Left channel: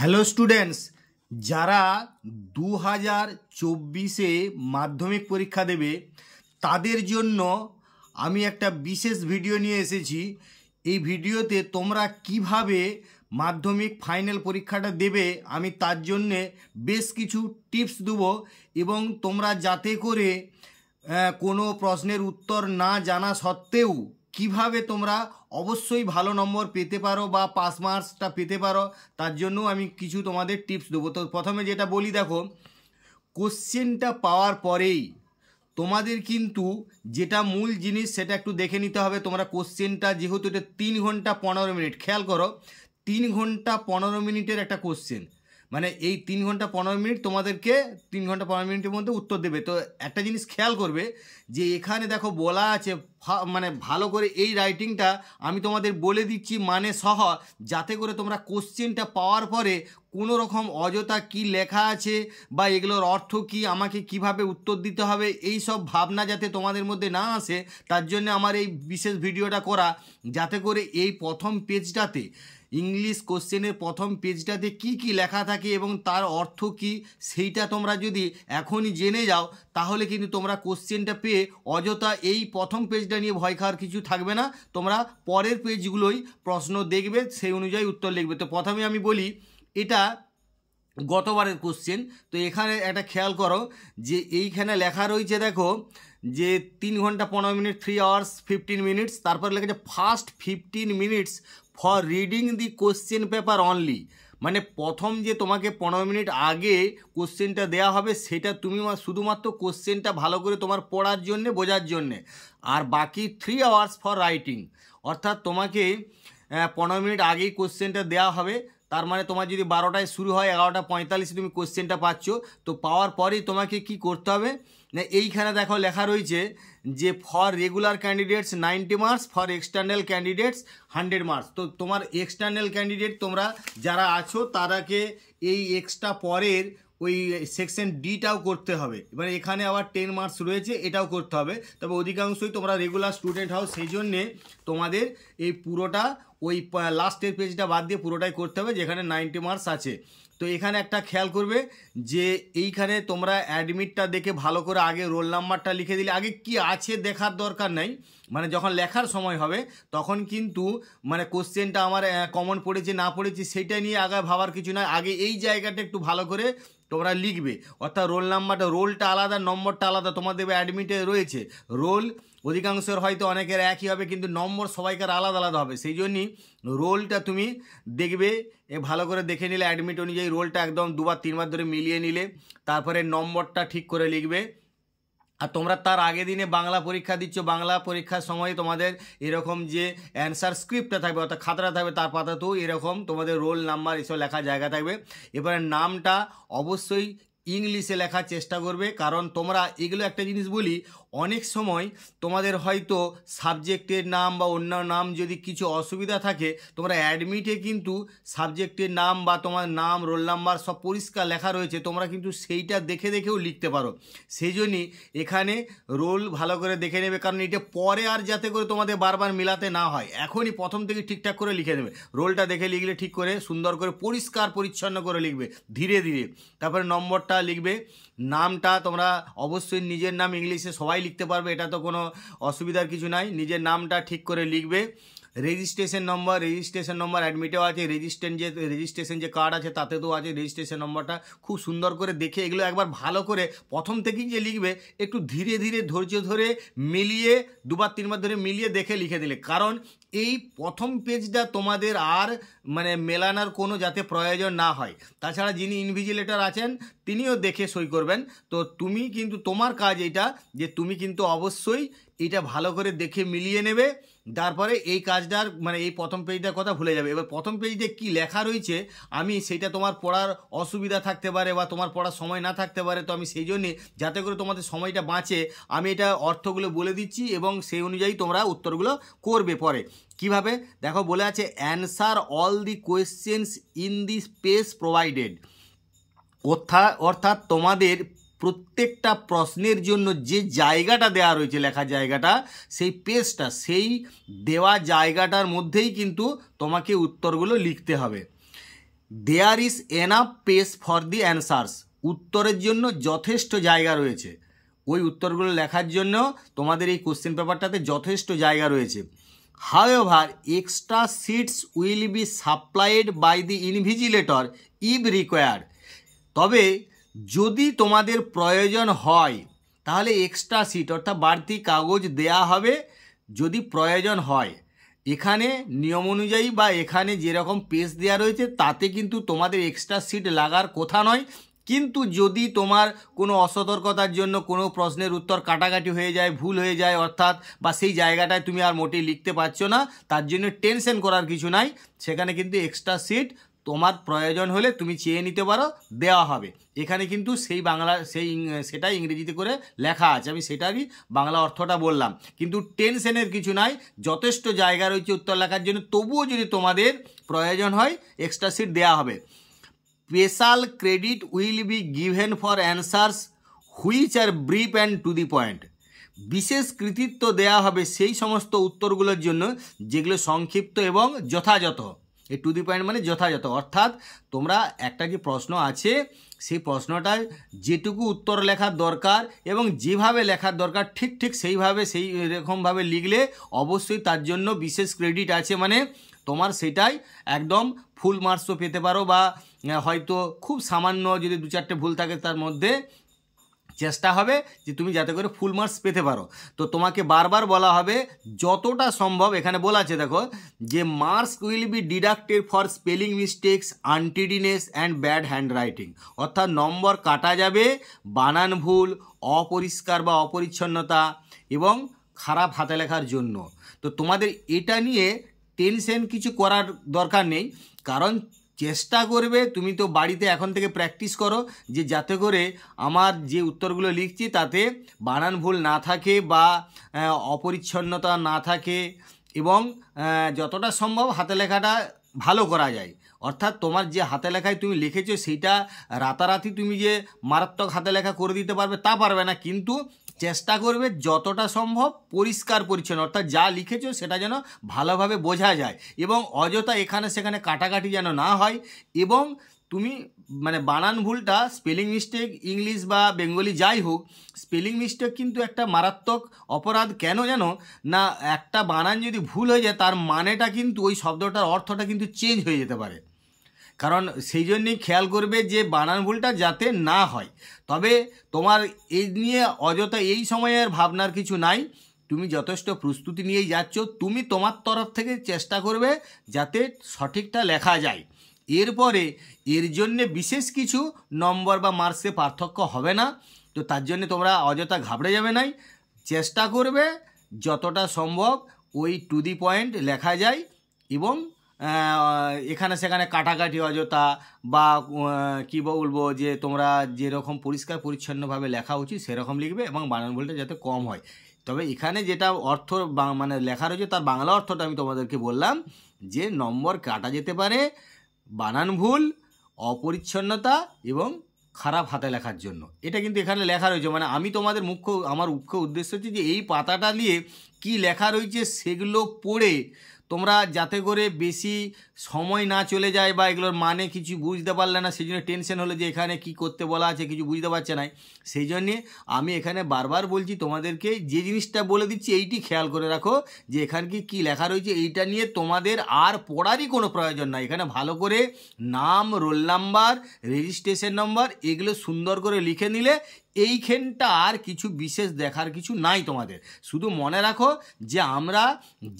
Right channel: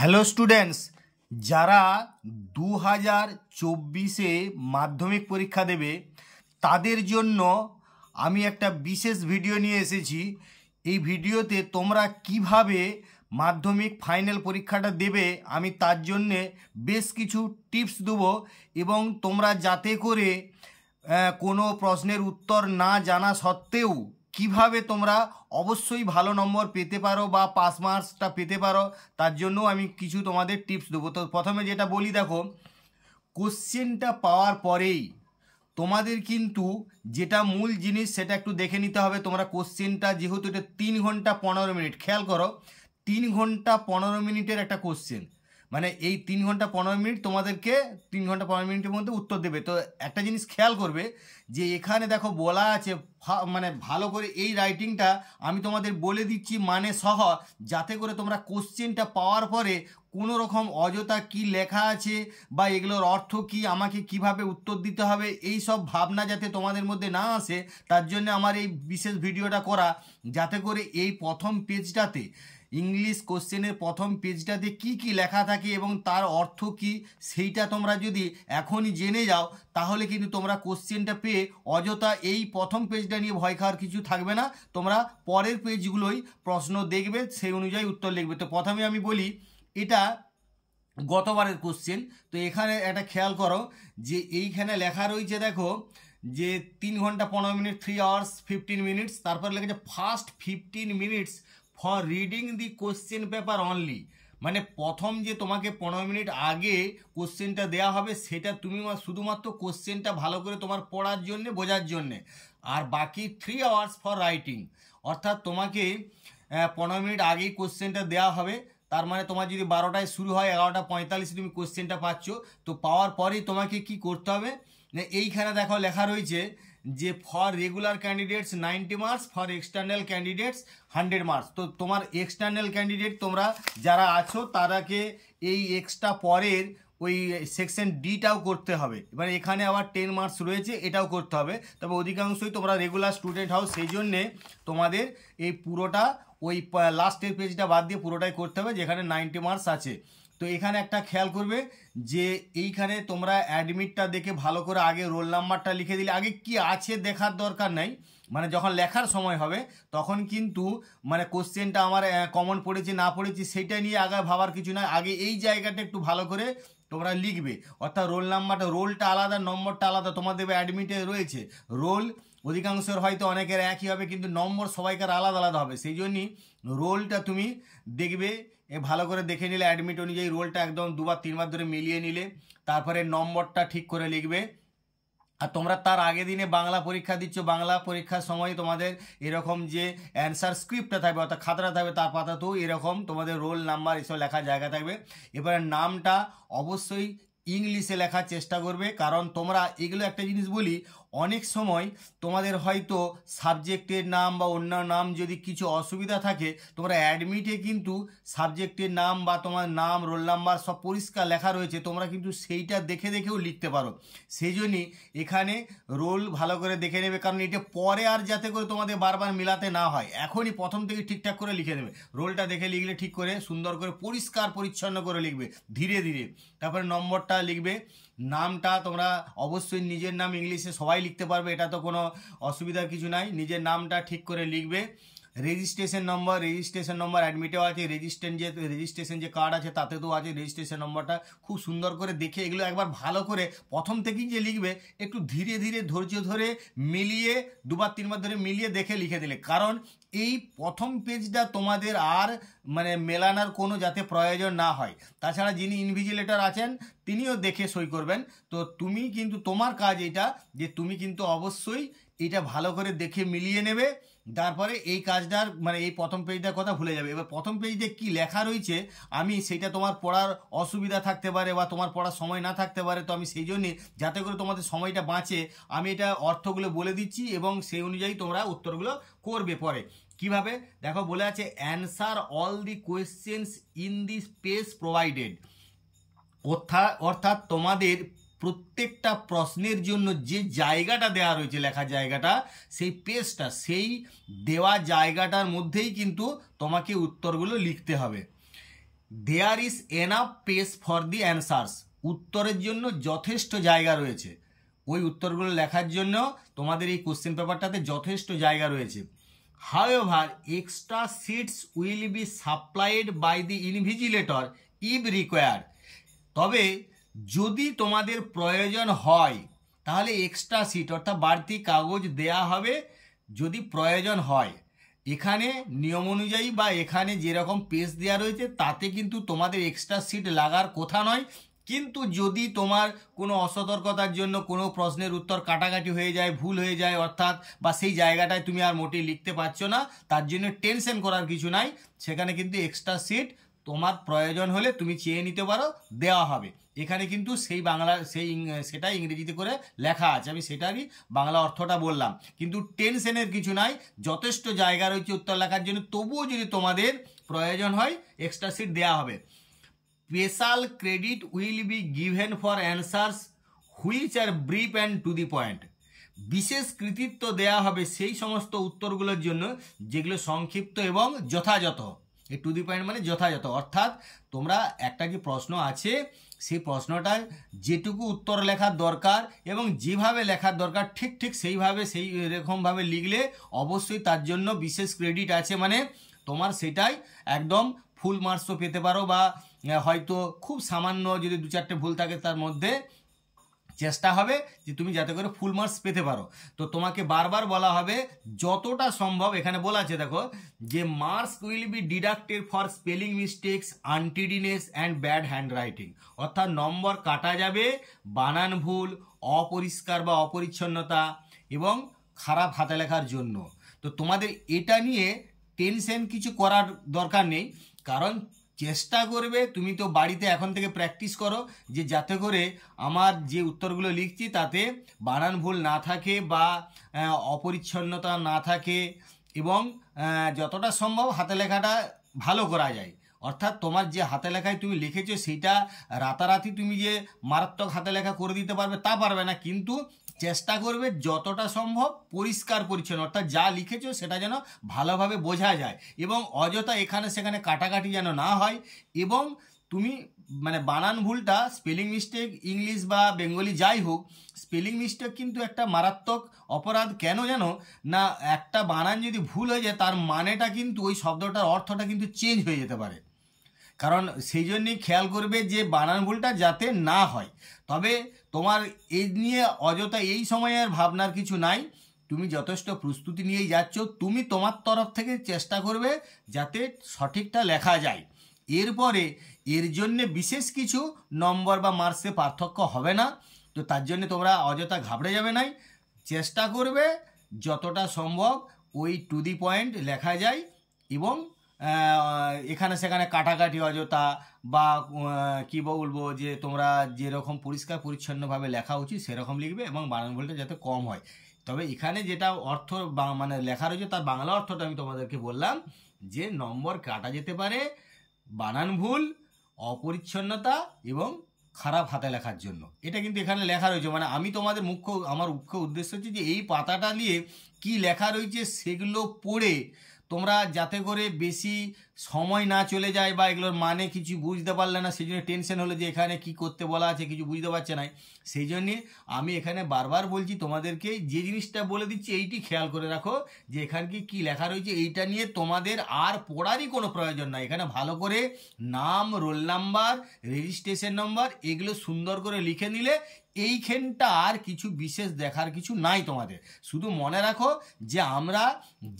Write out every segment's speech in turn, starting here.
Hello students, যারা 2024-এ মাধ্যমিক পরীক্ষা দেবে তাদের জন্য আমি একটা বিশেষ ভিডিও নিয়ে এসেছি। এই ভিডিওতে তোমরা কিভাবে মাধ্যমিক ফাইনাল পরীক্ষাটা দেবে আমি তার জন্যে বেশ কিছু টিপস দেবো, এবং তোমরা যাতে করে কোনো প্রশ্নের উত্তর না জানা সত্ত্বেও কিভাবে তোমরা অবশ্যই ভালো নম্বর পেতে পারো বা পাস মার্কসটা পেতে পারো তার জন্য আমি কিছু তোমাদের টিপস দেবো। তো প্রথমে যেটা বলি, দেখো, কোশ্চেনটা পাওয়ার পরেই তোমাদের কিন্তু যেটা মূল জিনিস সেটা একটু দেখে নিতে হবে। তোমরা কোশ্চেনটা, যেহেতু এটা 3 ঘন্টা 15 মিনিট, খেয়াল করো, 3 ঘন্টা 15 মিনিটের একটা কোশ্চেন, মানে এই 3 ঘন্টা 15 মিনিট তোমাদেরকে 3 ঘন্টা 15 মিনিটের মধ্যে উত্তর দেবে। তো একটা জিনিস খেয়াল করবে যে এখানে দেখো বলা আছে, মানে ভালো করে এই রাইটিংটা আমি তোমাদের বলে দিচ্ছি মানে সহ, যাতে করে তোমরা কোশ্চেনটা পাওয়ার পরে কোনো রকম অযথা কি লেখা আছে বা এগুলোর অর্থ কি, আমাকে কিভাবে উত্তর দিতে হবে, এই সব ভাবনা যাতে তোমাদের মধ্যে না আসে, তার জন্য আমার এই বিশেষ ভিডিওটা করা, যাতে করে এই প্রথম পেজটাতে, ইংলিশ কোশ্চেনের প্রথম পেজটাতে কি কি লেখা থাকে এবং তার অর্থ কি সেইটা তোমরা যদি এখনই জেনে যাও, তাহলে কিন্তু তোমরা কোশ্চেনটা পেয়ে অযথা এই প্রথম পেজটা নিয়ে ভয় খাওয়ার কিছু থাকবে না। তোমরা পরের পেজগুলোই প্রশ্ন দেখবে, সেই অনুযায়ী উত্তর লিখবে। তো প্রথমে আমি বলি, এটা গতবারের কোশ্চেন। তো এখানে একটা খেয়াল করো যে এইখানে লেখা রয়েছে, দেখো, যে 3 ঘন্টা 15 মিনিট, 3 hours 15 minutes, তারপর লেখেছে first 15 minutes for reading the question paper only. মানে প্রথম যে তোমাকে 15 মিনিট আগে কোশ্চেনটা দেওয়া হবে, সেটা তুমি শুধুমাত্র কোশ্চেনটা ভালো করে তোমার পড়ার জন্যে, বোঝার জন্যে, আর বাকি 3 hours ফর রাইটিং। অর্থাৎ তোমাকে 15 মিনিট আগেই কোশ্চেনটা দেওয়া হবে। তার মানে তোমার যদি 12টায় শুরু হয়, 11:45 তুমি কোশ্চেনটা পাচ্ছ। তো পাওয়ার পরেই তোমাকে কি করতে হবে না, এইখানে দেখো লেখা রয়েছে যে for regular candidates 90 marks, for external candidates 100 marks. তো তোমার এক্সটার্নাল ক্যান্ডিডেট তোমরা যারা আছো তারাকে এই এক্সট্রা পরের ওই সেকশন ডিটাও করতে হবে। এবারে এখানে আবার 10 মার্কস রয়েছে, এটাও করতে হবে। তবে অধিকাংশই তোমরা রেগুলার স্টুডেন্ট হও, সেই জন্যে তোমাদের এই পুরোটা ওই লাস্টের পেজটা বাদ দিয়ে পুরোটাই করতে হবে, যেখানে 90 মার্কস আছে। তো এখানে একটা খেয়াল করবে যে এইখানে তোমরা অ্যাডমিটটা দেখে ভালো করে আগে রোল নাম্বারটা লিখে দিলে, আগে কি আছে দেখার দরকার নাই, মানে যখন লেখার সময় হবে তখন কিন্তু মানে কোশ্চেনটা আমার কমন পড়েছে না পড়েছে সেটা নিয়ে আগে ভাবার কিছু নয়, আগে এই জায়গাটা একটু ভালো করে তোমরা লিখবে। অর্থাৎ রোল নাম্বারটা, রোলটা আলাদা, নম্বরটা আলাদা, তোমাদের অ্যাডমিটে রয়েছে রোল অধিকাংশের হয়তো অনেকের একই হবে, কিন্তু নম্বর সবাইকার আলাদা আলাদা হবে। সেই জন্যই রোলটা তুমি দেখবে, ভালো করে দেখে নিলে অ্যাডমিট অনুযায়ী রোলটা একদম 2বার 3বার ধরে মিলিয়ে নিলে, তারপরে নম্বরটা ঠিক করে লিখবে। আর তোমরা তার আগের দিনে বাংলা পরীক্ষা দিচ্ছ, বাংলা পরীক্ষার সময় তোমাদের এরকম যে অ্যান্সার স্ক্রিপ্টটা থাকবে, অর্থাৎ খাতাটা থাকবে, তার পাতাতেও এরকম তোমাদের রোল নাম্বার এসব লেখা জায়গা থাকবে। এবারে নামটা অবশ্যই ইংলিশে লেখার চেষ্টা করবে, কারণ তোমরা এগুলো একটা জিনিস বলি, অনেক সময় তোমাদের হয়তো সাবজেক্টের নাম বা অন্য নাম যদি কিছু অসুবিধা থাকে, তোমরা অ্যাডমিটে কিন্তু সাবজেক্টের নাম বা তোমার নাম, রোল নাম্বার সব পরিষ্কার লেখা রয়েছে, তোমরা কিন্তু সেইটা দেখে দেখেও লিখতে পারো। সেই জন্যই এখানে রোল ভালো করে দেখে নেবে, কারণ এটা পরে আর যাতে করে তোমাদের বারবার মিলাতে না হয়, এখনই প্রথম থেকে ঠিকঠাক করে লিখে দেবে। রোলটা দেখে লিখলে ঠিক করে সুন্দর করে পরিষ্কার পরিচ্ছন্ন করে লিখবে ধীরে ধীরে। তারপরে নম্বরটা লিখবে, নামটা তোমরা অবশ্যই নিজের নাম ইংলিশে সবাই লিখতে পারবে, এটা তো কোনো অসুবিধার কিছু নাই, নিজের নামটা ঠিক করে লিখবে। রেজিস্ট্রেশন নম্বর অ্যাডমিটেও আছে, রেজিস্ট্রেশন যে কার্ড আছে তাতে তো আছে রেজিস্ট্রেশন নম্বরটা, খুব সুন্দর করে দেখে এগুলো একবার ভালো করে প্রথম থেকেই যে লিখবে, একটু ধীরে ধীরে ধৈর্য ধরে মিলিয়ে 2বার 3বার ধরে মিলিয়ে দেখে লিখে দিলে, কারণ এই প্রথম পেজটা তোমাদের আর মানে মেলানোর কোনো যাতে প্রয়োজন না হয়। তাছাড়া যিনি ইনভিজিলেটর আছেন তিনিও দেখে সই করবেন। তো তুমি কিন্তু, তোমার কাজ এটা যে তুমি কিন্তু অবশ্যই এটা ভালো করে দেখে মিলিয়ে নেবে, তারপরে এই কাজটার মানে এই প্রথম পেজটার কথা ভুলে যাবে। এবার প্রথম পেজে কি লেখা রয়েছে আমি সেটা তোমার পড়ার অসুবিধা থাকতে পারে বা তোমার পড়ার সময় না থাকতে পারে, তো আমি সেই জন্যে যাতে করে তোমাদের সময়টা বাঁচে আমি এটা অর্থগুলো বলে দিচ্ছি এবং সেই অনুযায়ী তোমরা উত্তরগুলো করবে পরে। কিভাবে দেখো, বলে আছে answer all the questions in the space provided. অর্থাৎ তোমাদের প্রত্যেকটা প্রশ্নের জন্য যে জায়গাটা দেওয়া রয়েছে, লেখা জায়গাটা, সেই পেজটা, সেই দেওয়া জায়গাটার মধ্যেই কিন্তু তোমাকে উত্তরগুলো লিখতে হবে। There is enough space for the answers, উত্তরের জন্য যথেষ্ট জায়গা রয়েছে। ওই উত্তরগুলো লেখার জন্য তোমাদের এই কোশ্চেন পেপারটাতে যথেষ্ট জায়গা রয়েছে। However extra sheets will be supplied by the invigilator if required, তবে যদি তোমাদের প্রয়োজন হয় তাহলে এক্সট্রা সিট অর্থাৎ বাড়তি কাগজ দেয়া হবে যদি প্রয়োজন হয়। এখানে নিয়ম অনুযায়ী বা এখানে যেরকম পেজ দেওয়া রয়েছে তাতে কিন্তু তোমাদের এক্সট্রা সিট লাগার কথা নয়, কিন্তু যদি তোমার কোনো অসতর্কতার জন্য কোনো প্রশ্নের উত্তর কাটাকাটি হয়ে যায়, ভুল হয়ে যায় অর্থাৎ, বা সেই জায়গাটায় তুমি আর মোটেই লিখতে পারছো না, তার জন্য টেনশন করার কিছু নাই। সেখানে কিন্তু এক্সট্রা সিট তোমার প্রয়োজন হলে তুমি চেয়ে নিতে পারো, দেওয়া হবে। এখানে কিন্তু সেই বাংলা সেটাই ইংরেজিতে করে লেখা আছে, আমি সেটারই বাংলা অর্থটা বললাম। কিন্তু টেনশনের কিছু নাই, যথেষ্ট জায়গা রয়েছে উত্তর লেখার জন্য। তবুও যদি তোমাদের প্রয়োজন হয় এক্সট্রা সিট দেওয়া হবে। Special credit will be given for answers which are brief and to the point, বিশেষ কৃতিত্ব দেওয়া হবে সেই সমস্ত উত্তরগুলোর জন্য যেগুলো সংক্ষিপ্ত এবং যথাযথ। এই টু দি পয়েন্ট মানে যথাযথ, অর্থাৎ তোমরা একটা যে প্রশ্ন আছে সেই প্রশ্নটায় যেটুকু উত্তর লেখার দরকার এবং যেভাবে লেখার দরকার ঠিক সেইভাবে সেই রকমভাবে লিখলে অবশ্যই তার জন্য বিশেষ ক্রেডিট আছে, মানে তোমার সেটাই একদম ফুল মার্কসও পেতে পারো, বা হয়তো খুব সামান্য যদি 2-4টে ভুল থাকে তার মধ্যে চেষ্টা হবে যে তুমি যাতে করে ফুল মার্কস পেতে পারো। তো তোমাকে বারবার বলা হবে যতটা সম্ভব, এখানে বলা আছে দেখো যে marks will be deducted for spelling mistakes, untidiness and bad handwriting, অর্থাৎ নম্বর কাটা যাবে বানান ভুল, অপরিষ্কার বা অপরিচ্ছন্নতা এবং খারাপ হাতে লেখার জন্য। তো তোমাদের এটা নিয়ে টেনশন কিছু করার দরকার নেই, কারণ চেষ্টা করবে, তুমি তো বাড়িতে এখন থেকে প্র্যাকটিস করো যে যাতে করে আমার যে উত্তরগুলো লিখছি তাতে বানান ভুল না থাকে বা অপরিচ্ছন্নতা না থাকে এবং যতটা সম্ভব হাতে লেখাটা ভালো করা যায়। অর্থাৎ তোমার যে হাতে লেখায় তুমি লিখেছো সেইটা রাতারাতি তুমি যে মারাত্মক হাতে লেখা করে দিতে পারবে তা পারবে না, কিন্তু চেষ্টা করবে যতটা সম্ভব পরিষ্কার পরিচ্ছন্ন, অর্থাৎ যা লিখেছো সেটা যেন ভালোভাবে বোঝা যায় এবং অযথা এখানে সেখানে কাটাকাটি যেন না হয়। এবং তুমি মানে বানান ভুলটা, স্পেলিং মিস্টেক ইংলিশ বা বেঙ্গলি যাই হোক, স্পেলিং মিস্টেক কিন্তু একটা মারাত্মক অপরাধ। কেন জানো না, একটা বানান যদি ভুল হয়ে যায় তার মানেটা কিন্তু ওই শব্দটার অর্থটা কিন্তু চেঞ্জ হয়ে যেতে পারে। কারণ সেই জন্যই খেয়াল করবে যে বানান ভুলটা যাতে না হয়। তবে তোমার এই নিয়ে অযথা এই সময়ের ভাবনার কিছু নাই, তুমি যথেষ্ট প্রস্তুতি নিয়েই যাচ্ছ। তুমি তোমার তরফ থেকে চেষ্টা করবে যাতে সঠিকটা লেখা যায়। এরপরে এর জন্যে বিশেষ কিছু নম্বর বা মার্কসে পার্থক্য হবে না, তো তার জন্য তোমরা অযথা ঘাবড়ে যাবে নাই। চেষ্টা করবে যতটা সম্ভব ওই টু দি পয়েন্ট লেখা যায় এবং এখানে সেখানে কাটাকাটি অযথা বা কী বলবো যে তোমরা যেরকম পরিষ্কার পরিচ্ছন্নভাবে লেখা উচিত সেরকম লিখবে এবং বানান ভুলটা যাতে কম হয়। তবে এখানে যেটা অর্থ মানে লেখা রয়েছে তার বাংলা অর্থটা আমি তোমাদেরকে বললাম যে নম্বর কাটা যেতে পারে বানান ভুল, অপরিচ্ছন্নতা এবং খারাপ হাতে লেখার জন্য। এটা কিন্তু এখানে লেখা রয়েছে, মানে আমি তোমাদের আমার মুখ্য উদ্দেশ্য হচ্ছে যে এই পাতাটা নিয়ে কি লেখা রয়েছে সেগুলো পড়ে তোমরা যাতে করে বেশি সময় না চলে যায় বা এগুলোর মানে কিছু বুঝতে পারলে না, সেই জন্য টেনশন হলো যে এখানে কি করতে বলা আছে কিছু বুঝতে পারছে না। সেই জন্যে আমি এখানে বারবার বলছি তোমাদেরকে, যে জিনিসটা বলে দিচ্ছি এইটি খেয়াল করে রাখো যে এখানে কি লেখা রয়েছে, এইটা নিয়ে তোমাদের আর পড়ারই কোনো প্রয়োজন নাই। এখানে ভালো করে নাম, রোল নাম্বার, রেজিস্ট্রেশন নম্বর এগুলো সুন্দর করে লিখে নিলে এইখানটা আর কিছু বিশেষ দেখার কিছু নাই তোমাদের। শুধু মনে রাখো যে আমরা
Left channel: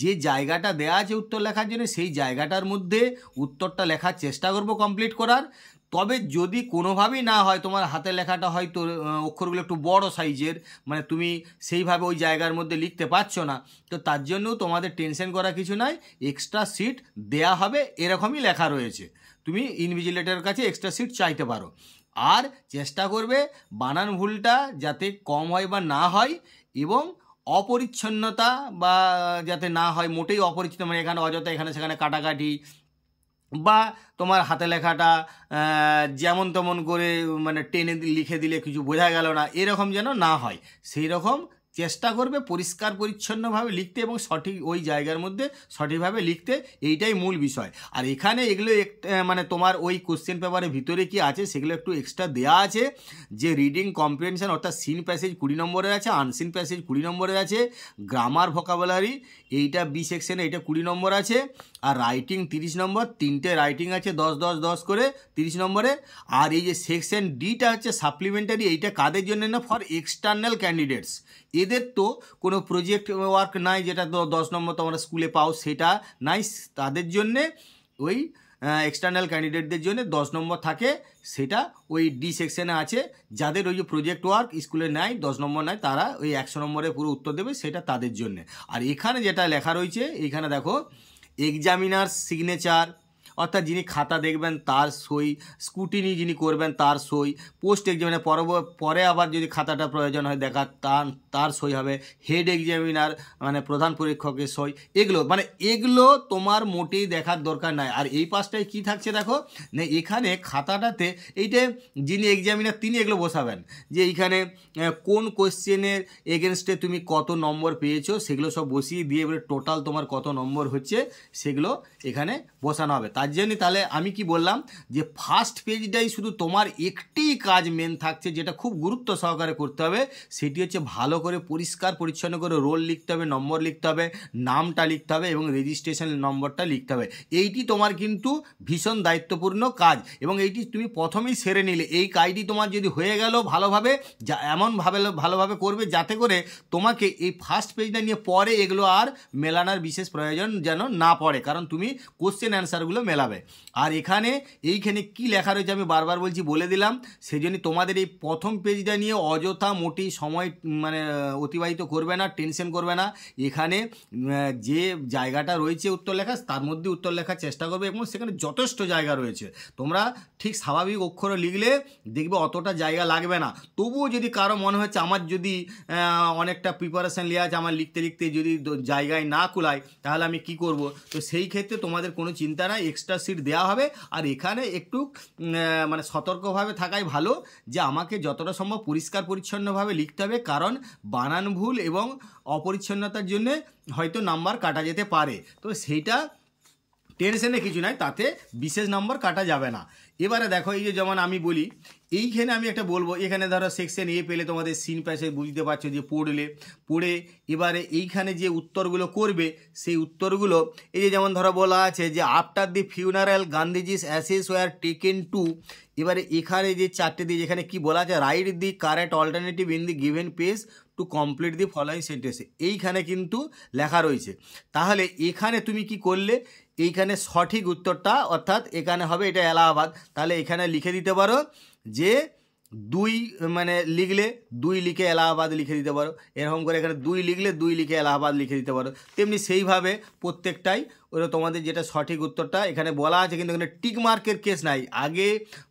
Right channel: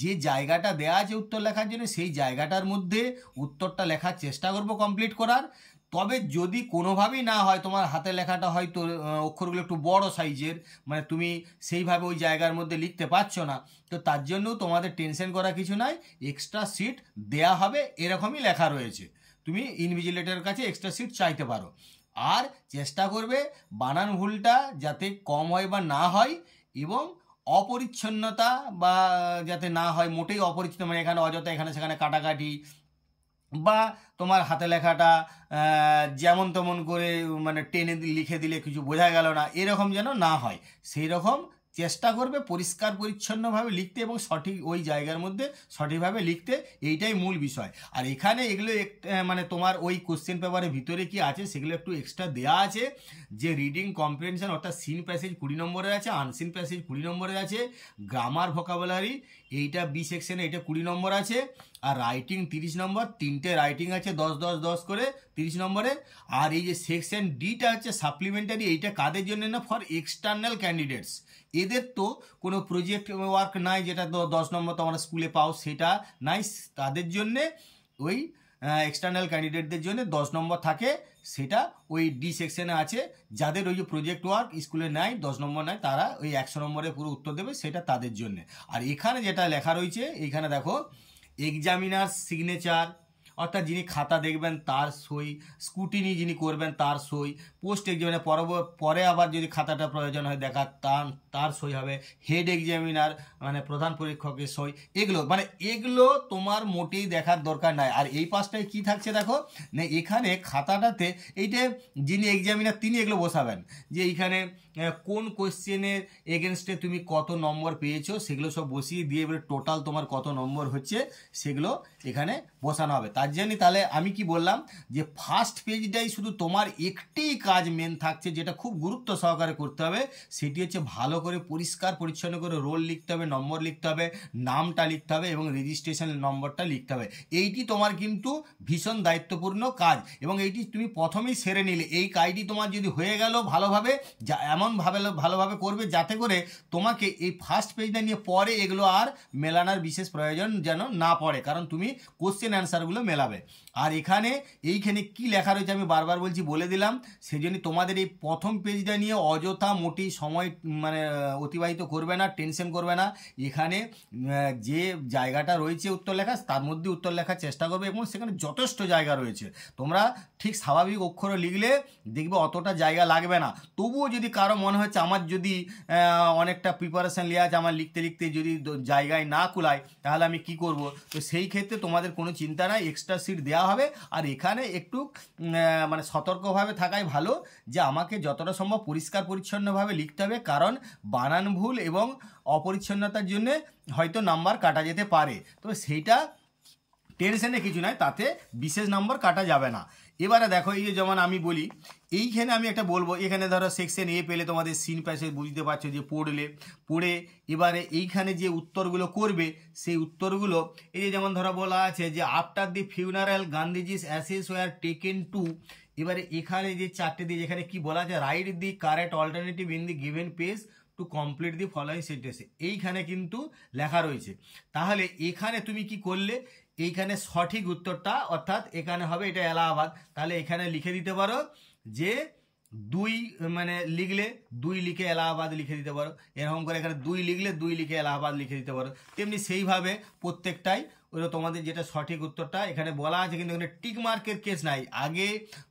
যে জায়গাটা দেওয়া আছে উত্তর লেখার জন্য সেই জায়গাটার মধ্যে উত্তরটা লেখার চেষ্টা করব কমপ্লিট করার। তবে যদি কোনোভাবেই না হয়, তোমার হাতে লেখাটা হয়তো অক্ষরগুলো একটু বড় সাইজের, মানে তুমি সেইভাবে ওই জায়গার মধ্যে লিখতে পারছো না, তো তার জন্যও তোমাদের টেনশন করা কিছু নাই, এক্সট্রা সিট দেয়া হবে এরকমই লেখা রয়েছে। তুমি ইনভিজিলেটরের কাছে এক্সট্রা সিট চাইতে পারো। আর চেষ্টা করবে বানান ভুলটা যাতে কম হয় বা না হয় এবং অপরিচ্ছন্নতা বা যাতে না হয়, মোটেই অপরিচ্ছন্ন মানে এখানে অযথা এখানে সেখানে কাটাকাটি বা তোমার হাতে লেখাটা যেমন তেমন করে মানে টেনে লিখে দিলে কিছু বোঝা গেল না, এরকম যেন না হয় সেই রকম চেষ্টা করবে পরিষ্কার পরিচ্ছন্নভাবে লিখতে এবং সঠিক ওই জায়গার মধ্যে সঠিকভাবে লিখতে, এইটাই মূল বিষয়। আর এখানে এগুলো মানে তোমার ওই কোশ্চেন পেপারের ভিতরে কি আছে সেগুলো একটু এক্সট্রা দেওয়া আছে, যে রিডিং কম্প্রিহেনশন অর্থাৎ সিন প্যাসেজ 20 নম্বরের আছে, আনসিন প্যাসেজ 20 নম্বরের আছে, গ্রামার ভোকাবুলারি এইটা বি সেকশনে এইটা 20 নম্বর আছে, আর রাইটিং 30 নম্বর, 3টে রাইটিং আছে 10 10 10 করে 30 নম্বরের। আর এই যে সেকশন ডিটা হচ্ছে সাপ্লিমেন্টারি, এইটা কাদের জন্য না, ফর এক্সটার্নাল ক্যান্ডিডেটস। এদের তো কোনো প্রজেক্ট ওয়ার্ক নাই, যেটা 10 নম্বর তোমরা স্কুলে পাও সেটা নাই, তাদের জন্যে ওই এক্সটার্নাল ক্যান্ডিডেটদের জন্য 10 নম্বর থাকে, সেটা ওই ডি সেকশনে আছে। যাদের ওই যে প্রজেক্ট ওয়ার্ক স্কুলে নেয় 10 নম্বর নেয়, তারা ওই 100 নম্বরে পুরো উত্তর দেবে, সেটা তাদের জন্য। আর এখানে যেটা লেখা রয়েছে এইখানে দেখো, এক্সামিনার সিগনেচার অর্থাৎ যিনি খাতা দেখবেন তার সই, স্কুটিনি যিনি করবেন তার সই, পোস্ট এক্সামিনার পরে আবার যদি খাতাটা প্রয়োজন হয় দেখা তার সই হবে, হেড এক্সামিনার মানে প্রধান পরীক্ষকের সই, এগুলো তোমার মোটেই দেখার দরকার নাই। আর এই পাশটায় কি থাকছে দেখো না, এখানে খাতাটাতে এইটা যিনি এক্সামিনার তিনি এগুলো বসাবেন, যে এইখানে কোন কোশ্চেনের এগেনস্টে তুমি কত নম্বর পেয়েছো সেগুলো সব বসিয়ে দিয়ে এবারে টোটাল তোমার কত নম্বর হচ্ছে সেগুলো এখানে বসানো হবে। তার জন্য তাহলে আমি কি বললাম, যে ফার্স্ট পেজটাই শুধু তোমার একটি কাজ মেন থাকছে, যেটা খুব গুরুত্ব সহকারে করতে হবে, সেটি হচ্ছে ভালো করে পরিষ্কার পরিচ্ছন্ন করে রোল লিখতে হবে, নম্বর লিখতে হবে, নামটা লিখতে হবে এবং রেজিস্ট্রেশন নম্বরটা লিখতে হবে। এইটি তোমার কিন্তু ভীষণ দায়িত্বপূর্ণ কাজ, এবং এইটি তুমি প্রথমেই সেরে নিলে এই কাজটি তোমার যদি হয়ে গেল ভালোভাবে, ভালোভাবে করবে যাতে করে তোমাকে এই ফার্স্ট পেজটা নিয়ে পরে এগুলো আর মেলানোর বিশেষ প্রয়োজন যেন না পড়ে, কারণ তুমি কোশ্চেন অ্যান্সারগুলো মেলাবে। আর এইখানে কি লেখা রয়েছে আমি বারবার বলছি, বলে দিলাম, সেই জন্য তোমাদের এই প্রথম পেজটা নিয়ে অযথা মোটেই সময় মানে অতিবাহিত করবে না, টেনশন করবে না। এখানে যে জায়গাটা রয়েছে উত্তর লেখা, তার মধ্যে উত্তর লেখার চেষ্টা করবে, এবং সেখানে যথেষ্ট জায়গা রয়েছে। তোমরা ঠিক স্বাভাবিক অক্ষরে লিখলে দেখবে অতটা জায়গা লাগবে না। তবুও যদি কারো মনে হচ্ছে আমার যদি অনেকটা প্রিপারেশান নেওয়া আছে, আমার লিখতে লিখতে যদি জায়গায় না কুলায়, তাহলে আমি কি করব, তো সেই ক্ষেত্রে তোমাদের কোনো চিন্তা নাই, এক্সট্রা সিট দেওয়া হবে। আর এখানে একটু মানে সতর্কভাবে থাকাই ভালো, যে আমাকে যতটা সম্ভব পরিষ্কার পরিচ্ছন্নভাবে লিখতে হবে, কারণ বানান ভুল এবং অপরিচ্ছন্নতার জন্যে হয়তো নাম্বার কাটা যেতে পারে, তো সেইটা টেনশনে কিছু নাই, তাতে বিশেষ নম্বর কাটা যাবে না। এবারে দেখো, এই যে যেমন আমি বলি, এইখানে আমি একটা বলবো, এখানে ধরো সেকশন এ পেলে তোমাদের সিন প্যাসেজ বুঝতে পারছো, যে পড়ে এবারে এইখানে যে উত্তরগুলো করবে, সেই উত্তরগুলো এই যে যেমন ধরো বলা আছে যে after the funeral Gandhiji's ashes were taken to, এবারে এখানে যে 4টে দিয়ে যেখানে কি বলা আছে, write the correct alternative in the given page to complete the following sentence, এইখানে কিন্তু লেখা রয়েছে। তাহলে এখানে তুমি কি করলে, এইখানে সঠিক উত্তরটা অর্থাৎ এখানে হবে এটা এলাহাবাদ, তাহলে এখানে লিখে দিতে পারো যে 2 মানে লিখলে 2 লিখে এলাহাবাদ লিখে দিতে পারো, এরকম করে এখানে 2 লিখলে 2 লিখে এলাহাবাদ লিখে দিতে পারো। তেমনি সেইভাবে প্রত্যেকটাই ওরা তোমাদের যেটা সঠিক উত্তরটা এখানে বলা আছে, কিন্তু এখানে টিক মার্কের কেস নাই। আগে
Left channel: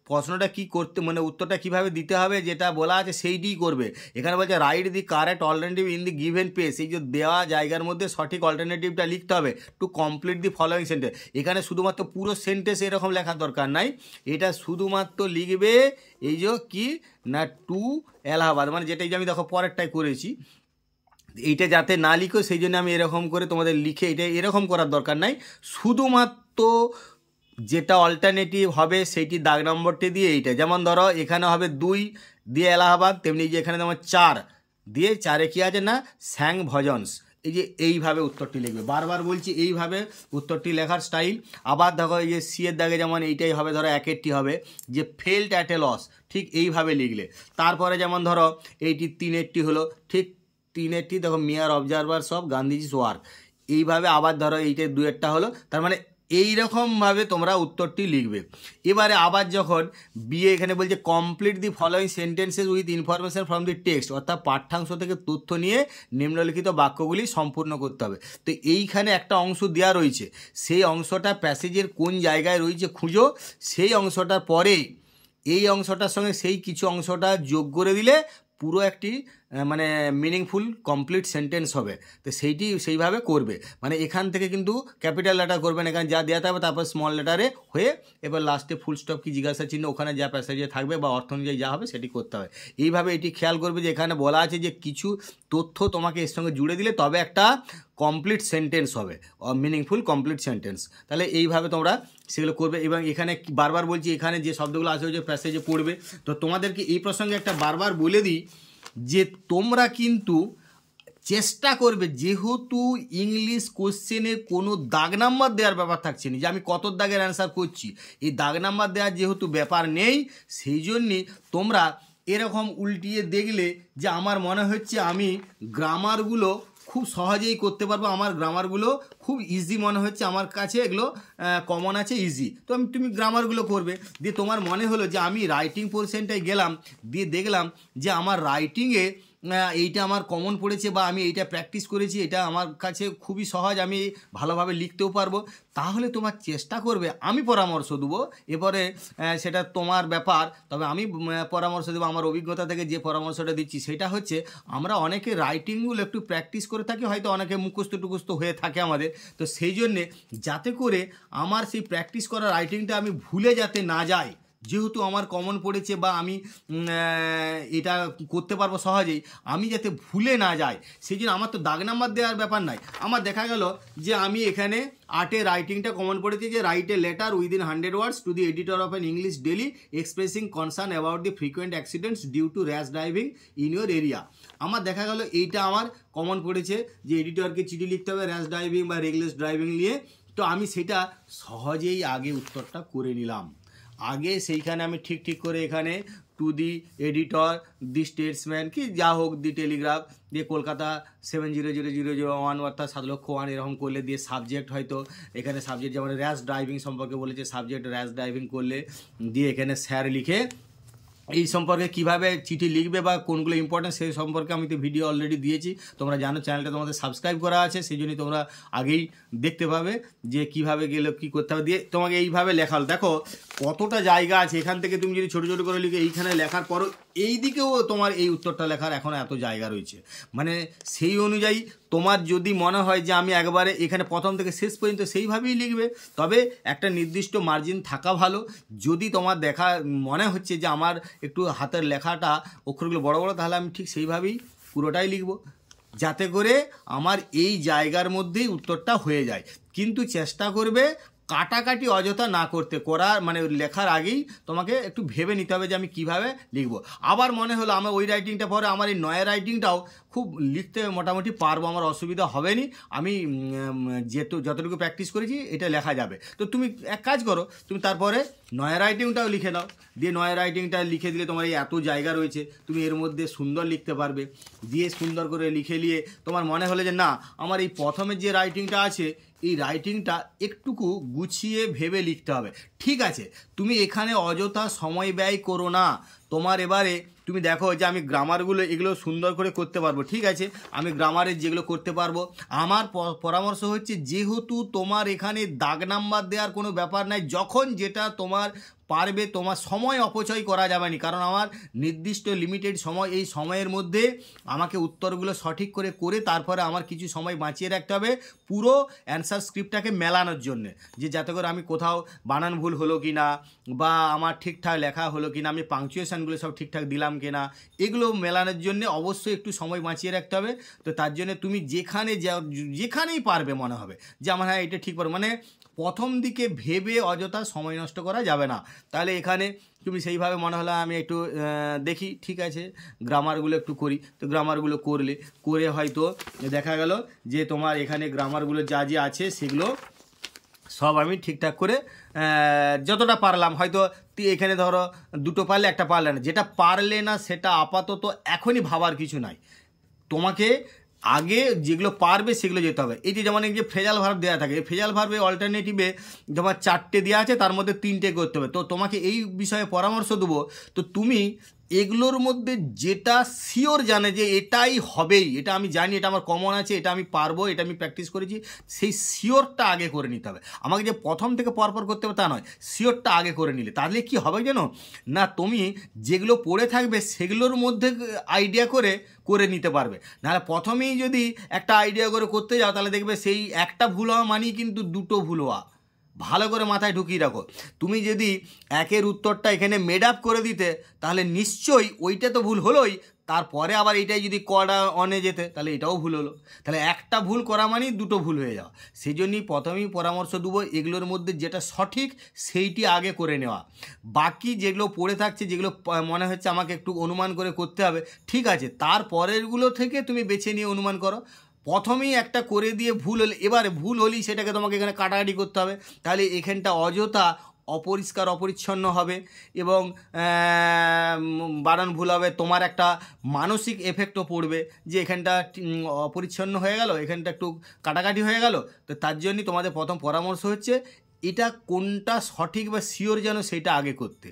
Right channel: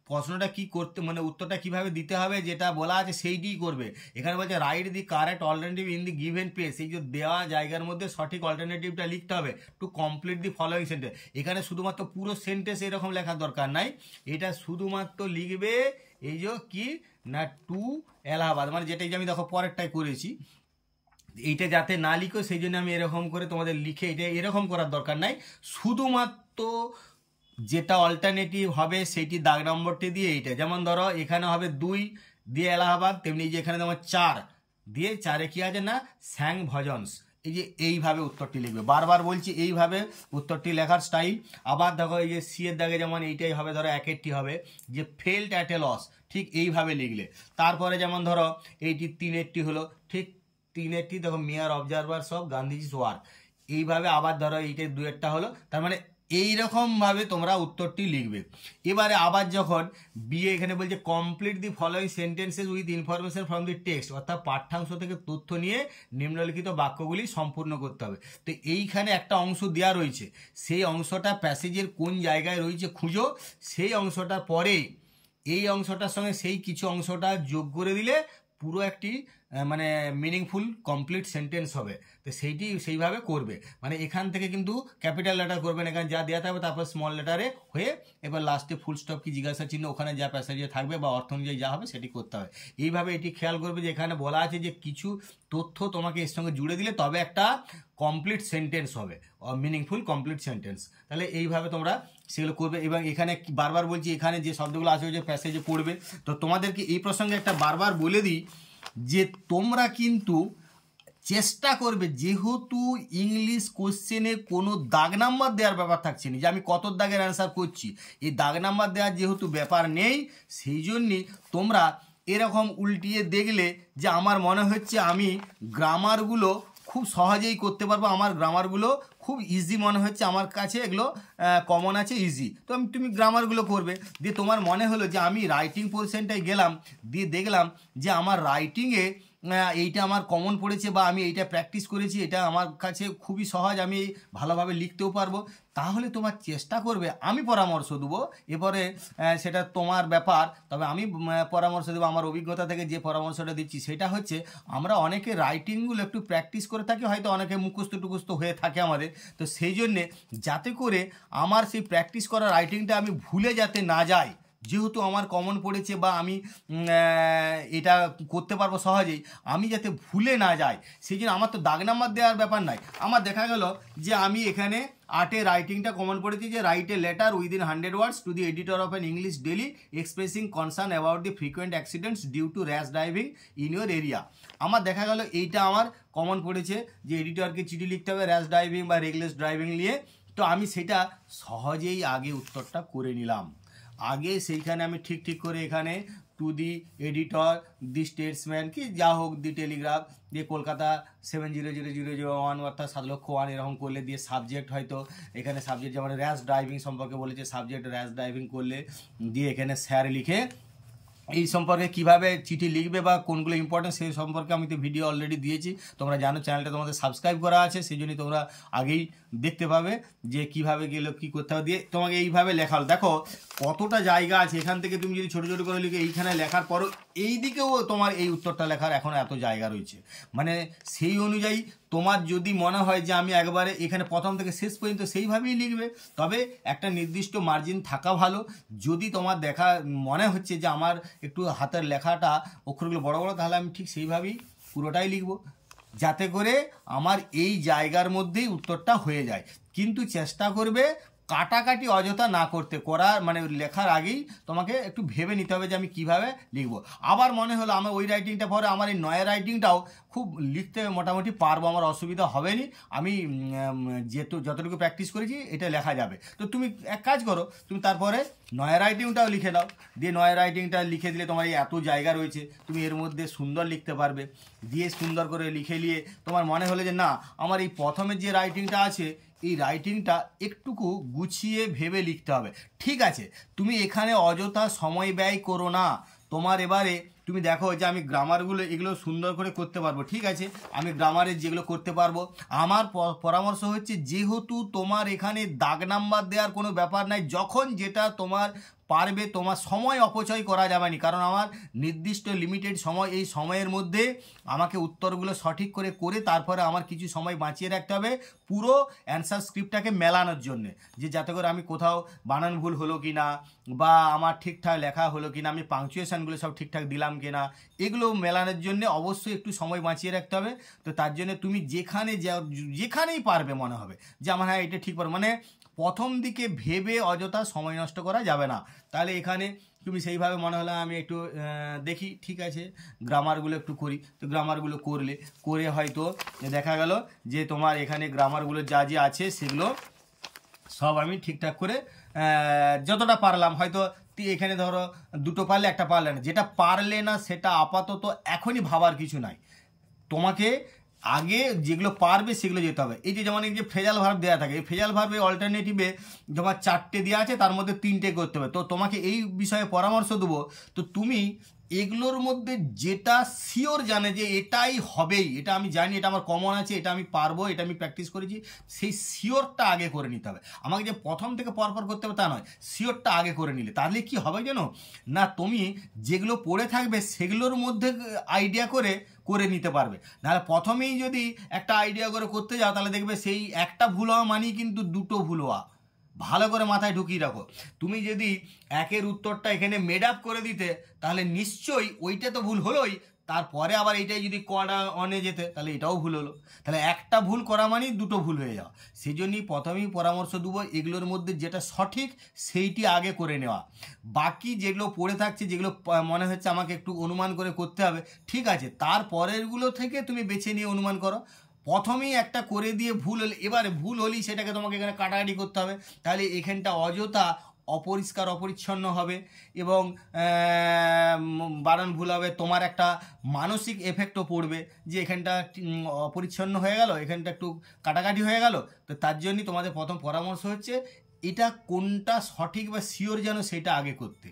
প্রশ্নটা কি করতে মানে উত্তরটা কিভাবে দিতে হবে যেটা বলা আছে সেইটিই করবে। এখানে বলছে right the correct alternative in the given page, এই যে দেওয়া জায়গার মধ্যে সঠিক অল্টারনেটিভটা লিখতে হবে two complete the following sentence. এখানে শুধুমাত্র পুরো সেন্টেন্স এরকম লেখার দরকার নাই, এটা শুধুমাত্র লিখবে এই যে কি না টু এলাহাবাদ, মানে যেটাই যে আমি দেখো পরেরটাই করেছি, এইটা যাতে না লিখো সেই জন্য আমি এরকম করে তোমাদের লিখে, এটা এরকম করার দরকার নাই, শুধুমাত্র যেটা অল্টারনেটিভ হবে সেইটি দাগ নম্বরটি দিয়ে এইটা, যেমন ধরো এখানে হবে 2 দিয়ে এলাহাবাদ, তেমনি যে এখানে যেমন 4 দিয়ে 4-এ কী আছে না স্যাং ভজনস, এই যে এইভাবে উত্তরটি লিখবে। বারবার বলছি এইভাবে উত্তরটি লেখার স্টাইল। আবার দেখো এই যে সি এর দাগে যেমন এইটাই হবে, ধরো 1-এরটি হবে যে ফেল্ট অ্যাট এ লস, ঠিক এইভাবে লিখলে। তারপরে যেমন ধরো এইটি 3-এরটি হলো, ঠিক 3-এরটি দেখো মেয়ার অবজারভার্স অফ গান্ধীজিস ওয়ার্ক, এইভাবে আবার ধরো এইটা 2-এরটা হলো, তার মানে এইরকমভাবে তোমরা উত্তরটি লিখবে। এবারে আবার যখন বিয়ে এখানে বলছে complete the following sentences with information from the text, অর্থাৎ পাঠ্যাংশ থেকে তথ্য নিয়ে নিম্নলিখিত বাক্যগুলি সম্পূর্ণ করতে হবে। তো এইখানে একটা অংশ দেওয়া রয়েছে, সেই অংশটা প্যাসেজের কোন জায়গায় রয়েছে খুঁজো, সেই অংশটার পরে এই অংশটার সঙ্গে সেই কিছু অংশটা যোগ করে দিলে পুরো একটি মানে মিনিংফুল কমপ্লিট সেন্টেন্স হবে। তো সেইভাবে করবে, মানে এখান থেকে কিন্তু ক্যাপিটাল লেটার করবেন, এখানে যা দেওয়া থাকবে তারপর স্মল লেটারে হয়ে এবার লাস্টে ফুল স্টপ কি জিজ্ঞাসা চিহ্ন ওখানে যা প্যাসেজে থাকবে বা অর্থ অনুযায়ী যা হবে সেটি করতে হবে। এইভাবে এটি খেয়াল করবে যে এখানে বলা আছে যে কিছু তথ্য তোমাকে এর সঙ্গে জুড়ে দিলে তবে একটা কমপ্লিট সেন্টেন্স হবে, মিনিংফুল কমপ্লিট সেন্টেন্স। তাহলে এইভাবে তোমরা সেগুলো করবে। এবং এখানে বারবার বলছি এখানে যে শব্দগুলো আছে যে প্যাসেজে পড়বে, তো তোমাদেরকে এই প্রসঙ্গে একটা বারবার বলে দিই যে তোমরা কিন্তু চেষ্টা করবে, যেহেতু ইংলিশ কোশ্চেনে কোনো দাগ নাম্বার দেওয়ার ব্যাপার থাকছে না যে আমি কত দাগের অ্যান্সার করছি, এই দাগ নাম্বার দেওয়ার যেহেতু ব্যাপার নেই, সেই জন্যে তোমরা এরকম উল্টিয়ে দেখলে যে আমার মনে হচ্ছে আমি গ্রামারগুলো খুব সহজেই করতে পারবো, আমার গ্রামারগুলো খুব ইজি মনে হচ্ছে, আমার কাছে এগুলো কমন আছে, ইজি। তো তুমি গ্রামারগুলো করবে, দিয়ে তোমার মনে হলো যে আমি রাইটিং পোর্শনটায় গেলাম, দিয়ে দেখলাম যে আমার রাইটিংয়ে এইটা আমার কমন পড়েছে বা আমি এইটা প্র্যাকটিস করেছি, এটা আমার কাছে খুবই সহজ, আমি ভালোভাবে লিখতেও পারবো, তাহলে তোমার চেষ্টা করবে, আমি পরামর্শ দেবো, এরপরে সেটা তোমার ব্যাপার, তবে আমি পরামর্শ দেবো আমার অভিজ্ঞতা থেকে যে পরামর্শটা দিচ্ছি সেটা হচ্ছে আমরা অনেকে রাইটিংগুলো একটু প্র্যাকটিস করে থাকি, হয়তো অনেকে মুখস্থ টুখস্থ হয়ে থাকে আমাদের, তো সেই জন্যে যাতে করে আমার সেই প্র্যাকটিস করা রাইটিংটা আমি ভুলে যাতে না যাই, যেহেতু আমার কমন পড়েছে বা আমি এটা করতে পারবো সহজেই, আমি যাতে ভুলে না যাই সেই জন্য আমার তো দাগ নাম্বার দেওয়ার ব্যাপার নাই। আমার দেখা গেল যে আমি এখানে 8 রাইটিংটা কমন পড়েছি যে write a letter within 100 words to the editor of an English daily expressing concern about the frequent accidents due to rash driving in your area. আমার দেখা গেল এইটা আমার কমন পড়েছে যে এডিটরকে চিঠি লিখতে হবে র্যাশ ড্রাইভিং বা রেগলেস ড্রাইভিং নিয়ে, তো আমি সেটা সহজেই আগে উত্তরটা করে নিলাম। আগে সেইখানে আমি ঠিক করে এখানে two the editor, the Statesman কি যা হোক, দি টেলিগ্রাফ দিয়ে কলকাতা 700001 অর্থাৎ 7,00,001 এরকম করলে, দিয়ে সাবজেক্ট হয়তো এখানে সাবজেক্ট যেমন র্যাশ ড্রাইভিং সম্পর্কে বলেছে, সাবজেক্ট র্যাশ ড্রাইভিং করলে, দিয়ে এখানে স্যার লিখে এই সম্পর্কে কিভাবে চিঠি লিখবে বা কোনগুলো ইম্পর্টেন্ট সেই সম্পর্কে আমি তো ভিডিও অলরেডি দিয়েছি, তোমরা জানো, চ্যানেলটা তোমাদের সাবস্ক্রাইব করা আছে, সেই জন্যই তোমরা আগেই দেখতে পাবে যে কিভাবে গেলে কী করতে হবে। দিয়ে তোমাকে এইভাবে লেখাল, দেখো কতটা জায়গা আছে, এখান থেকে তুমি যদি ছোটো ছোটো করে লিখে এইখানে লেখার পরও এই দিকেও তোমার এই উত্তরটা লেখার এখনও এত জায়গা রয়েছে, মানে সেই অনুযায়ী তোমার যদি মনে হয় যে আমি একবারে এখানে প্রথম থেকে শেষ পর্যন্ত সেইভাবেই লিখবে, তবে একটা নির্দিষ্ট মার্জিন থাকা ভালো। যদি তোমার দেখা মনে হচ্ছে যে আমার একটু হাতের লেখাটা অক্ষরগুলো বড় বড়, তাহলে আমি ঠিক সেইভাবেই পুরোটাই লিখব, যাতে করে আমার এই জায়গার মধ্যেই উত্তরটা হয়ে যায়। কিন্তু চেষ্টা করবে কাটাকাটি অযথা না করতে, মানে লেখার আগেই তোমাকে একটু ভেবে নিতে হবে যে আমি কিভাবে লিখব। আবার মনে হলো আমার ওই রাইটিংটা পরে আমার এই নয়া রাইটিংটাও খুব লিখতে মোটামুটি পারবো, আমার অসুবিধা হবে না, আমি যতটুকু প্র্যাকটিস করেছি এটা লেখা যাবে। তো তুমি এক কাজ করো, তুমি তারপরে নয়া রাইটিংটাও লিখে দাও, দিয়ে নয়া রাইটিংটা লিখে দিলে তোমার এই এত জায়গা রয়েছে, তুমি এর মধ্যে সুন্দর লিখতে পারবে। দিয়ে সুন্দর করে লিখে নিয়ে তোমার মনে হলো যে না, আমার এই প্রথমের যে রাইটিংটা আছে এই রাইটিংটা একটুকু গুছিয়ে ভেবে লিখতে হবে, ঠিক আছে, তুমি এখানে অযথা সময় ব্যয় করো না। তোমার এবারে তুমি দেখো যে আমি গ্রামারগুলো এগুলো সুন্দর করে করতে পারবো, ঠিক আছে, আমি গ্রামারের যেগুলো করতে পারবো। আমার পরামর্শ হচ্ছে, যেহেতু তোমার এখানে দাগ নাম্বার দেওয়ার কোনো ব্যাপার নাই, যখন যেটা তোমার পারবে, তোমার সময় অপচয় করা যাবে না, কারণ আমার নির্দিষ্ট লিমিটেড সময়, এই সময়ের মধ্যে আমাকে উত্তরগুলো সঠিক করে তারপরে আমার কিছু সময় বাঁচিয়ে রাখতে হবে পুরো অ্যান্সার স্ক্রিপ্টটাকে মেলানোর জন্যে, যে যাতে করে আমি কোথাও বানান ভুল হলো কি না বা আমার ঠিকঠাক লেখা হলো কি না, আমি পাংচুয়েশনগুলো সব ঠিকঠাক দিলাম কি না, এগুলো মেলানোর জন্যে অবশ্যই একটু সময় বাঁচিয়ে রাখতে হবে। তো তার জন্য তুমি যেখানেই পারবে মনে হবে যে আমার হ্যাঁ এটা ঠিক পারবে, মানে প্রথম দিকে ভেবে অযথা সময় নষ্ট করা যাবে না। তাহলে এখানে তুমি সেইভাবে মনে হলো আমি একটু দেখি, ঠিক আছে, গ্রামারগুলো একটু করি, তো গ্রামারগুলো করে হয়তো দেখা গেল যে তোমার এখানে গ্রামারগুলো যা আছে সেগুলো সব আমি ঠিকঠাক করে যতটা পারলাম, হয়তো এখানে ধরো দুটো পারলে একটা পারলে না, যেটা পারলে না সেটা আপাতত এখনই ভাবার কিছু নাই, তোমাকে আগে যেগুলো পারবে সেগুলো যেতে হবে। এই যে যেমন এই যে ফ্রেজাল ভার্ব দেওয়া থাকে, এই ফ্রেজাল ভার্বে অল্টারনেটিভে তোমার 4টে দেওয়া আছে, তার মধ্যে 3টে করতে হবে। তো তোমাকে এই বিষয়ে পরামর্শ দেবো, তো তুমি এগুলোর মধ্যে যেটা শিওর জানে যে এটাই হবেই, এটা আমি জানি, এটা আমার কমন আছে, এটা আমি পারবো, এটা আমি প্র্যাকটিস করেছি, সেই শিওরটা আগে করে নিতে হবে। আমাকে যে প্রথম থেকে পরপর করতে হবে তা নয়, শিওরটা আগে করে নিলে তাহলে কি হবে জানো না, তুমি যেগুলো পড়ে থাকবে সেগুলোর মধ্যে আইডিয়া করে করে নিতে পারবে। নাহলে প্রথমেই যদি একটা আইডিয়া করে করতে যাও তাহলে দেখবে সেই একটা ভুল হওয়া মানেই কিন্তু দুটো ভুল হওয়া। ভালো করে মাথায় ঢুকিয়ে রাখো, তুমি যদি একের উত্তরটা এখানে মেড আপ করে দিতে তাহলে নিশ্চয়ই ওইটা তো ভুল হলোই, তারপরে আবার এইটাই যদি করা অনে যেতে তাহলে এটাও ভুল হলো। তাহলে একটা ভুল করা মানেই দুটো ভুল হয়ে যাওয়া। সেই জন্যই প্রথমেই পরামর্শ দেবো এগুলোর মধ্যে যেটা সঠিক সেইটি আগে করে নেওয়া। বাকি যেগুলো পড়ে থাকছে, যেগুলো মনে হচ্ছে আমাকে একটু অনুমান করে করতে হবে, ঠিক আছে, তারপরেরগুলো থেকে তুমি বেছে নিয়ে অনুমান করো। প্রথমেই একটা করে দিয়ে ভুল হলে, এবারে ভুল হলেই সেটাকে তোমাকে এখানে কাটাকাটি করতে হবে, তাহলে এখানটা অযথা অপরিষ্কার অপরিচ্ছন্ন হবে এবং বানান ভুল হবে। তোমার একটা মানসিক এফেক্টও পড়বে যে এখানটা অপরিচ্ছন্ন হয়ে গেল, এখানটা একটু কাটাকাটি হয়ে গেল। তো তার জন্যই তোমাদের প্রথম পরামর্শ হচ্ছে এটা কোনটা সঠিক বা শিওর যেন সেটা আগে করতে।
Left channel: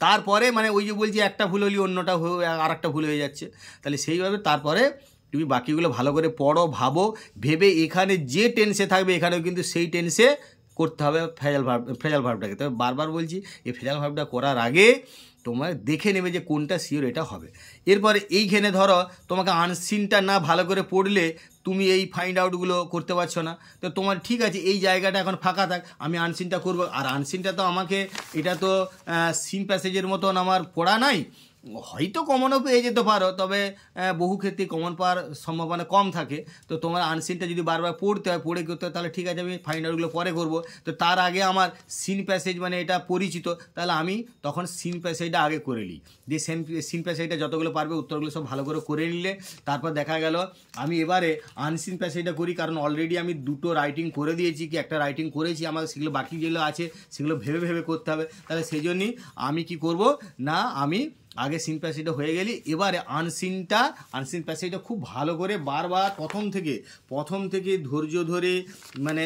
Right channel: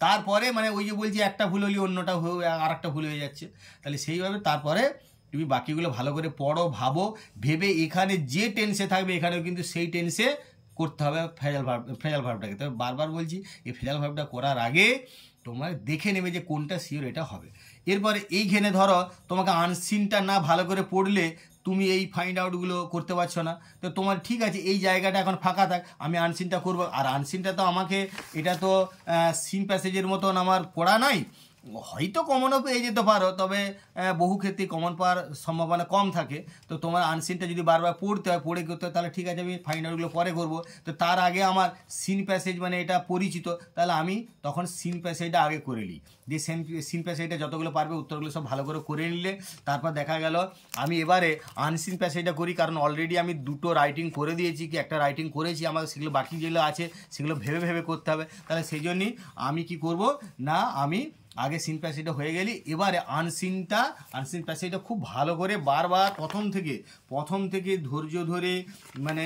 তারপরে মানে ওই যে বলছি একটা ভুল হলে অন্যটা আর একটা ভুল হয়ে যাচ্ছে, তাহলে সেইভাবে তারপরে তুমি বাকিগুলো ভালো করে পড়ো, ভাবো, ভেবে এখানে যে টেন্সে থাকবে এখানেও কিন্তু সেই টেন্সে করতে হবে ফ্রেজাল ভার্বটাকে। তবে বারবার বলছি এই ফ্রেজাল ভার্বটা করার আগে তোমার দেখে নেবে যে কোনটা শিওর এটা হবে। এরপরে এইখানে ধরো তোমাকে আনসিনটা না ভালো করে পড়লে তুমি এই ফাইন্ড আউটগুলো করতে পারছো না, তো তোমার ঠিক আছে এই জায়গাটা এখন ফাঁকা থাক, আমি আনসিনটা করবো। আর আনসিনটা তো আমাকে, এটা তো সিন প্যাসেজের মতন আমার পড়া নাই, হয়তো কমনও পেয়ে যেতে পারো, তবে বহু ক্ষেত্রে কমন পাওয়ার সম্ভাবনা কম থাকে। তো তোমার আনসিনটা যদি বারবার পড়তে হয়, পড়ে করতে হয়, তাহলে ঠিক আছে আমি ফাইন্ড আউটগুলো পরে করব। তো তার আগে আমার সিন প্যাসেজ মানে এটা পরিচিত, তাহলে আমি তখন সিন প্যাসেজটা আগে করে নিই, দিয়ে সিন প্যাসেজটা যতগুলো পারবে উত্তরগুলো সব ভালো করে করে নিলে তারপর দেখা গেল আমি এবারে আনসিন প্যাসেজটা করি, কারণ অলরেডি আমি দুটো রাইটিং করে দিয়েছি, কি একটা রাইটিং করেছি, আমাকে সেগুলো বাকি যেগুলো আছে সেগুলো ভেবে ভেবে করতে হবে। তাহলে সেই জন্যই আমি কি করব না, আমি আগে সিন প্যাসেজটা হয়ে গেলি, এবারে আনসিন প্যাসেজটা খুব ভালো করে বারবার প্রথম থেকে ধৈর্য ধরে মানে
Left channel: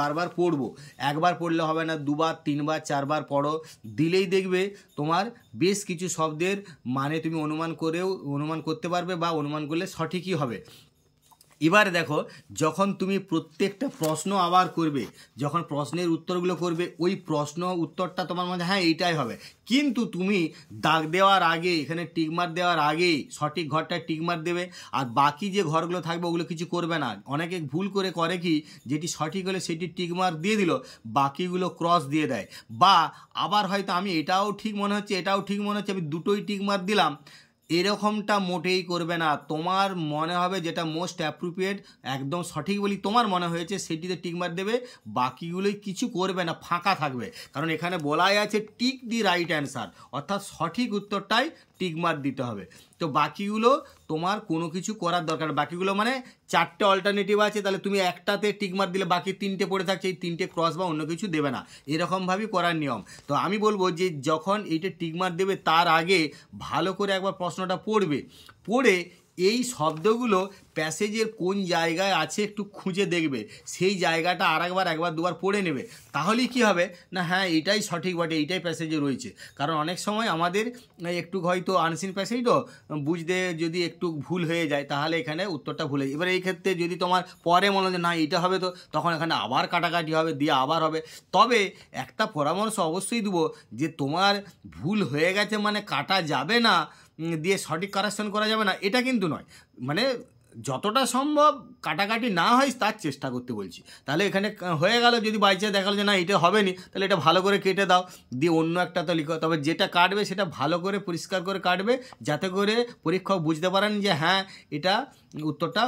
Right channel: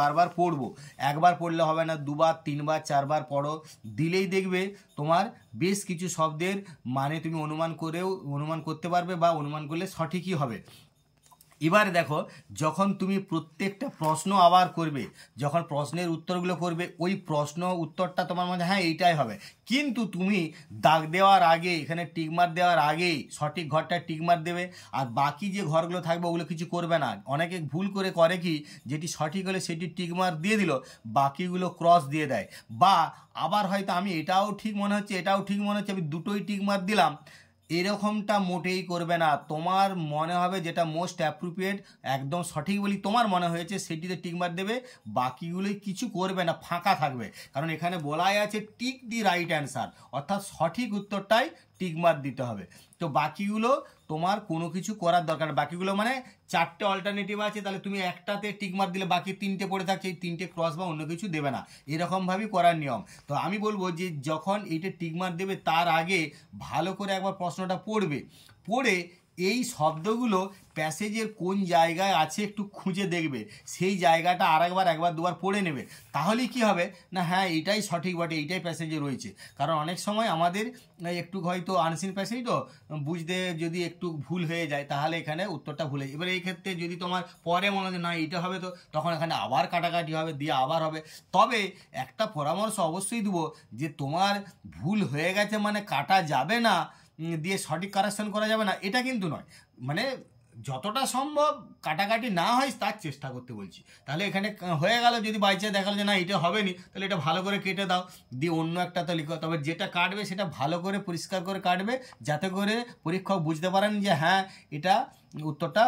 বারবার পড়বো। একবার পড়লে হবে না, দুবার, তিনবার, চারবার পড়ো, দিলেই দেখবে তোমার বেশ কিছু শব্দের মানে তুমি অনুমান করতে পারবে, বা অনুমান করলে সঠিকই হবে। এবারে দেখো, যখন তুমি প্রত্যেকটা প্রশ্ন আবার করবে, যখন প্রশ্নের উত্তরগুলো করবে, ওই প্রশ্ন উত্তরটা তোমার মধ্যে হ্যাঁ এইটাই হবে, কিন্তু তুমি দাগ দেওয়ার আগে, এখানে টিকমার্ক দেওয়ার আগেই সঠিক ঘরটায় টিকমার্ক দেবে, আর বাকি যে ঘরগুলো থাকবে ওগুলো কিছু করবে না। অনেকে ভুল করে কি, যেটি সঠিক হলে সেটি টিকমার্ক দিয়ে দিল, বাকিগুলো ক্রস দিয়ে দেয়। বা আবার হয়তো আমি এটাও ঠিক মনে হচ্ছে আমি দুটোই টিকমার্ক দিলাম, এরকমটা মোটেই করবে না। তোমার মনে হবে যেটা মোস্ট অ্যাপ্রোপ্রিয়েট, একদম সঠিক বলি তোমার মনে হয়েছে সেটিতে টিকমার্ক দেবে, বাকিগুলোই কিছু করবে না, ফাঁকা থাকবে। কারণ এখানে বলাই আছে টিক দি রাইট অ্যান্সার, অর্থাৎ সঠিক উত্তরটাই টিকমার্ক দিতে হবে। তো বাকিগুলো তোমার কোনো কিছু করার দরকার নেই। বাকিগুলো মানে চারটে অল্টারনেটিভ আছে, তাহলে তুমি একটাতে টিকমার্ক দিলে বাকি তিনটে পড়ে থাকছে, এই তিনটে ক্রস বা অন্য কিছু দেবে না, এরকমভাবেই করার নিয়ম। তো আমি বলবো যে যখন এইটা টিকমার্ক দেবে তার আগে ভালো করে একবার প্রশ্নটা পড়ে এই শব্দগুলো প্যাসেজের কোন জায়গায় আছে একটু খুঁজে দেখবে, সেই জায়গাটা একবার দুবার পড়ে নেবে, তাহলেই কি হবে না, হ্যাঁ এটাই সঠিক বটে, এইটাই প্যাসেজে রয়েছে। কারণ অনেক সময় আমাদের একটু হয়তো আনসিন প্যাসেজ তো বুঝতে যদি একটু ভুল হয়ে যায় তাহলে এখানে উত্তরটা ভুলে যায়। এবার এই ক্ষেত্রে যদি তোমার পরে মনে হয় না এটা হবে, তো তখন এখানে আবার কাটাকাটি হবে, দিয়ে আবার হবে। তবে একটা পরামর্শ অবশ্যই দেবো যে তোমার ভুল হয়ে গেছে মানে কাটা যাবে না, দিয়ে সঠিক কারেকশন করা যাবে না, এটা কিন্তু নয়। মানে যতটা সম্ভব কাটাকাটি না হয় তার চেষ্টা করতে বলছি। তাহলে এখানে হয়ে গেল, যদি বাই চান্স দেখালো যে না এটা হবে নি, তাহলে এটা ভালো করে কেটে দাও, দিয়ে অন্য একটা তো লিখো। তবে যেটা কাটবে সেটা ভালো করে পরিষ্কার করে কাটবে, যাতে করে পরীক্ষক বুঝতে পারেন যে হ্যাঁ এটা উত্তরটা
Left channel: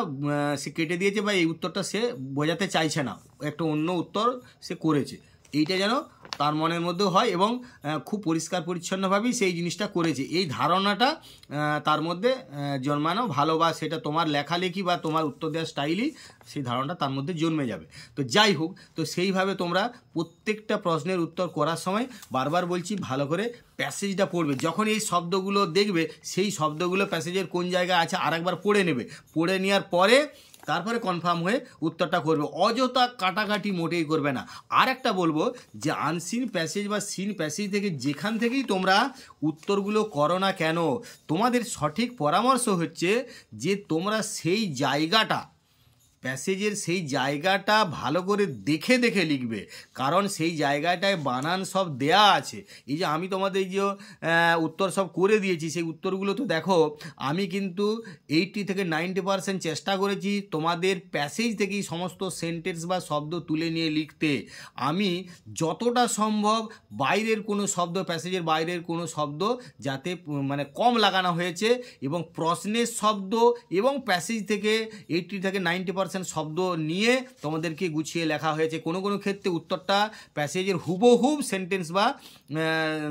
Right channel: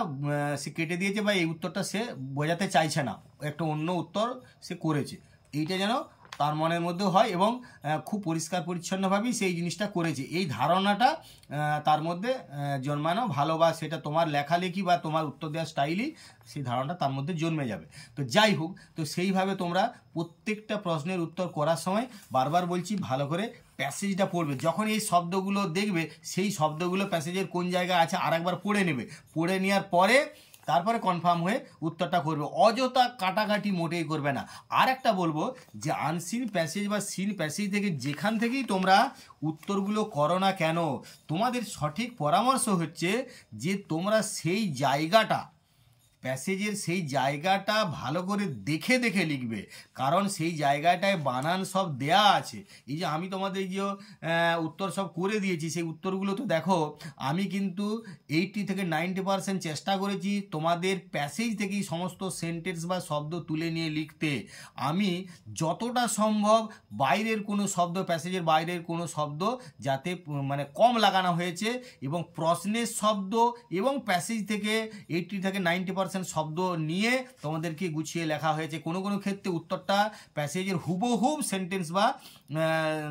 সে কেটে দিয়েছে, বা এই উত্তরটা সে বোঝাতে চাইছে না, একটা অন্য উত্তর সে করেছে, এইটা যেন তার মনের মধ্যেও হয় এবং খুব পরিষ্কার পরিচ্ছন্নভাবেই সেই জিনিসটা করেছে, এই ধারণাটা তার মধ্যে জন্মানো ভালো, বা সেটা তোমার লেখালেখি বা তোমার উত্তর দেওয়ার স্টাইলই সেই ধারণাটা তার মধ্যে জন্মে যাবে। তো যাই হোক, তো সেইভাবে তোমরা প্রত্যেকটা প্রশ্নের উত্তর করার সময় বারবার বলছি ভালো করে প্যাসেজটা পড়বে। যখন এই শব্দগুলো দেখবে সেই শব্দগুলো প্যাসেজের কোন জায়গায় আছে আরেকবার পড়ে নেবে, পড়ে নেওয়ার পরে তারপরে কনফার্ম হয়ে উত্তরটা করবে, অযথা কাটাকাটি মোটেই করবে না। আর একটা বলবো যে আনসিন প্যাসেজ বা সিন প্যাসেজ থেকে যেখান থেকেই তোমরা উত্তরগুলো করো না কেন, তোমাদের সঠিক পরামর্শ হচ্ছে যে তোমরা সেই জায়গাটা, প্যাসেজের সেই জায়গাটা ভালো করে দেখে দেখে লিখবে, কারণ সেই জায়গাটায় বানান সব দেয়া আছে। এই যে আমি তোমাদের যে উত্তর সব করে দিয়েছি, সেই উত্তরগুলো তো দেখো আমি কিন্তু 80 থেকে 90% চেষ্টা করেছি তোমাদের প্যাসেজ থেকেই সমস্ত সেন্টেন্স বা শব্দ তুলে নিয়ে লিখতে। আমি যতটা সম্ভব বাইরের কোনো শব্দ, প্যাসেজের বাইরের কোনো শব্দ যাতে মানে কম লাগানো হয়েছে, এবং প্রশ্নের শব্দ এবং প্যাসেজ থেকে 80 থেকে 90% শব্দ নিয়ে তোমাদেরকে গুছিয়ে লেখা হয়েছে। কোনো কোনো ক্ষেত্রে উত্তরটা প্যাসেজের হুবহুব সেন্টেন্স বা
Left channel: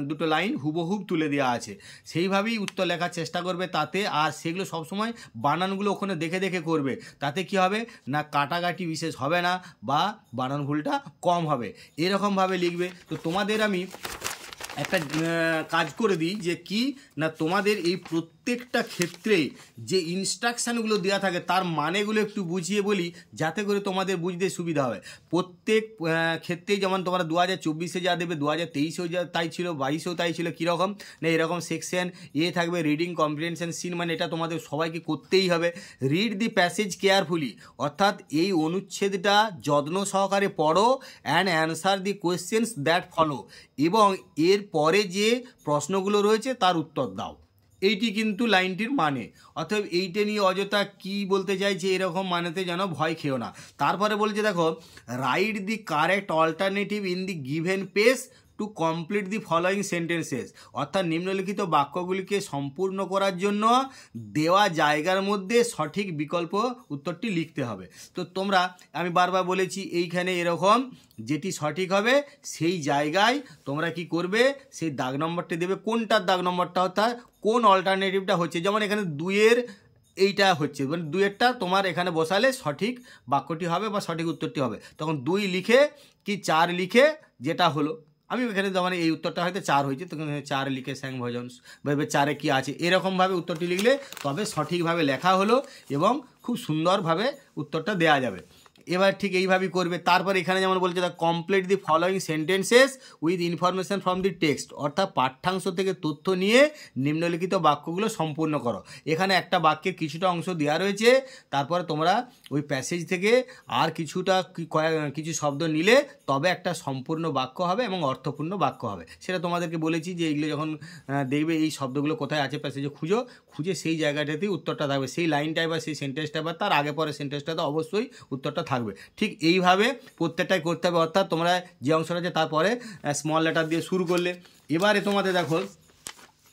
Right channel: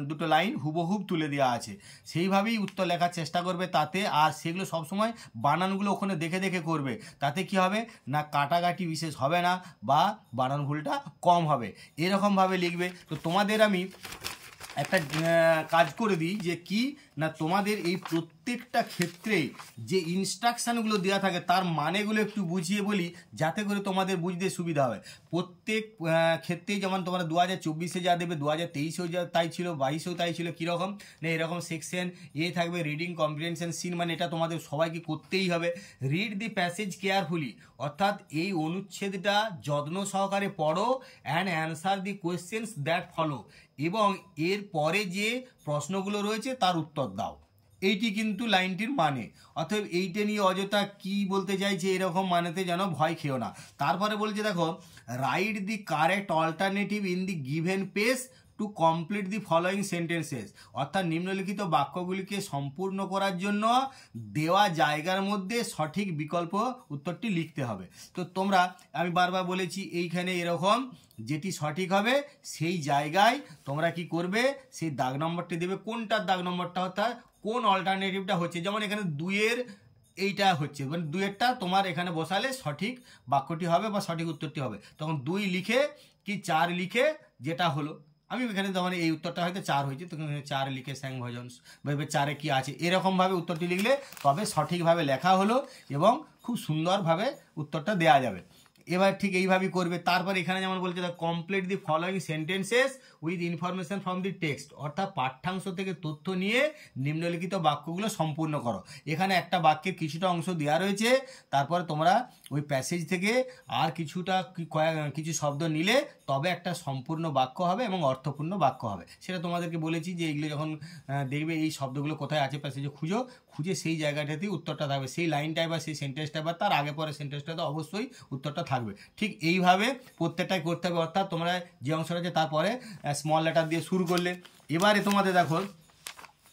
দুটো লাইন হুবহুব তুলে দেওয়া আছে, সেইভাবেই উত্তর লেখার চেষ্টা করবে তাতে। আর সেগুলো সবসময় বানানগুলো ওখানে দেখে দেখে করবে, তাতে কি হবে না কাটাকাটি বিশেষ হবে না বা বানান ভুলটা কম হবে, এরকমভাবে লিখবে। তো তোমাদের আমি একটা কাজ করে দিই যে কি না, তোমাদের এই প্রত্যেকটা ক্ষেত্রে যে ইনস্ট্রাকশানগুলো দেওয়া থাকে তার মানেগুলো একটু বুঝিয়ে বলি, যাতে করে তোমাদের বুঝতে সুবিধা হবে। প্রত্যেক ক্ষেত্রেই যেমন তোমরা 2024-এ যা দেবে 2023-এও যা তাই ছিল, 22-এও তাই ছিল। কীরকম না, এরকম সেকশন এ থাকবে রিডিং কম্প্রিহেনশন সিন, মানে এটা তোমাদের সবাইকে করতেই হবে। রিড দি প্যাসেজ কেয়ারফুলি, অর্থাৎ এই অনুচ্ছেদটা যত্ন সহকারে পড়ো, and answer the questions that follow, এবং এর পরে যে প্রশ্নগুলো রয়েছে তার উত্তর দাও। এইটি কিন্তু লাইনটির মানে। অতএব এইটা নিয়ে অযথা কি বলতে চাইছে এরকম মানেতে যেন ভয় খেও না। তারপরে বলছে দেখো, right the correct alternative in the given page to complete the following sentences, অর্থাৎ নিম্নলিখিত বাক্যগুলিকে সম্পূর্ণ করার জন্য দেওয়া জায়গার মধ্যে সঠিক বিকল্প উত্তরটি লিখতে হবে। তো তোমরা, আমি বারবার বলেছি এইখানে এরকম যেটি সঠিক হবে সেই জায়গায় তোমরা কি করবে, সেই দাগ নম্বরটি দেবে, কোনটার দাগ নম্বরটা, অর্থাৎ কোন অল্টারনেটিভটা হচ্ছে। যেমন এখানে 2-এর এইটা হচ্ছে, মানে 2-এরটা তোমার এখানে বসালে সঠিক বাক্যটি হবে বা সঠিক উত্তরটি হবে। তখন 2 লিখে কি 4 লিখে যেটা হলো, আমি এখানে মানে এই উত্তরটা হয়তো 4 হয়েছে, তখন 4 লিখে স্যাং ভজন্স ভাবে 4-এ কী আছে এরকমভাবে উত্তরটি লিখলে তবে সঠিকভাবে লেখা হলো এবং খুব সুন্দরভাবে উত্তরটা দেওয়া যাবে। এবার ঠিক এইভাবেই করবে। তারপর এখানে যেমন বলছে complete the following sentences with information from the text, অর্থাৎ পাঠ্যাংশ থেকে তথ্য নিয়ে নিম্নলিখিত বাক্যগুলো সম্পূর্ণ করো। এখানে একটা বাক্যের কিছুটা অংশ দেওয়া রয়েছে, তারপরে তোমরা ওই প্যাসেজ থেকে আর কিছু শব্দ নিলে তবে একটা সম্পূর্ণ বাক্য হবে এবং অর্থপূর্ণ বাক্য হবে। সেটা তোমাদেরকে বলেছি যে এইগুলো যখন দেখবে এই শব্দগুলো কোথায় আছে প্যাসেজে খুঁজে সেই জায়গাটাতেই উত্তরটা থাকবে, সেই লাইনটায় বা সেই সেন্টেন্সটা বা তার আগে পরে সেন্টেন্সটাতে অবশ্যই উত্তরটা থাকবে। ঠিক এইভাবে প্রত্যেকটাই করতে হবে, অর্থাৎ তোমরা যে অংশটা আছে তারপরে স্মল লেটার দিয়ে শুরু করলে। এবারে তোমাদের দেখো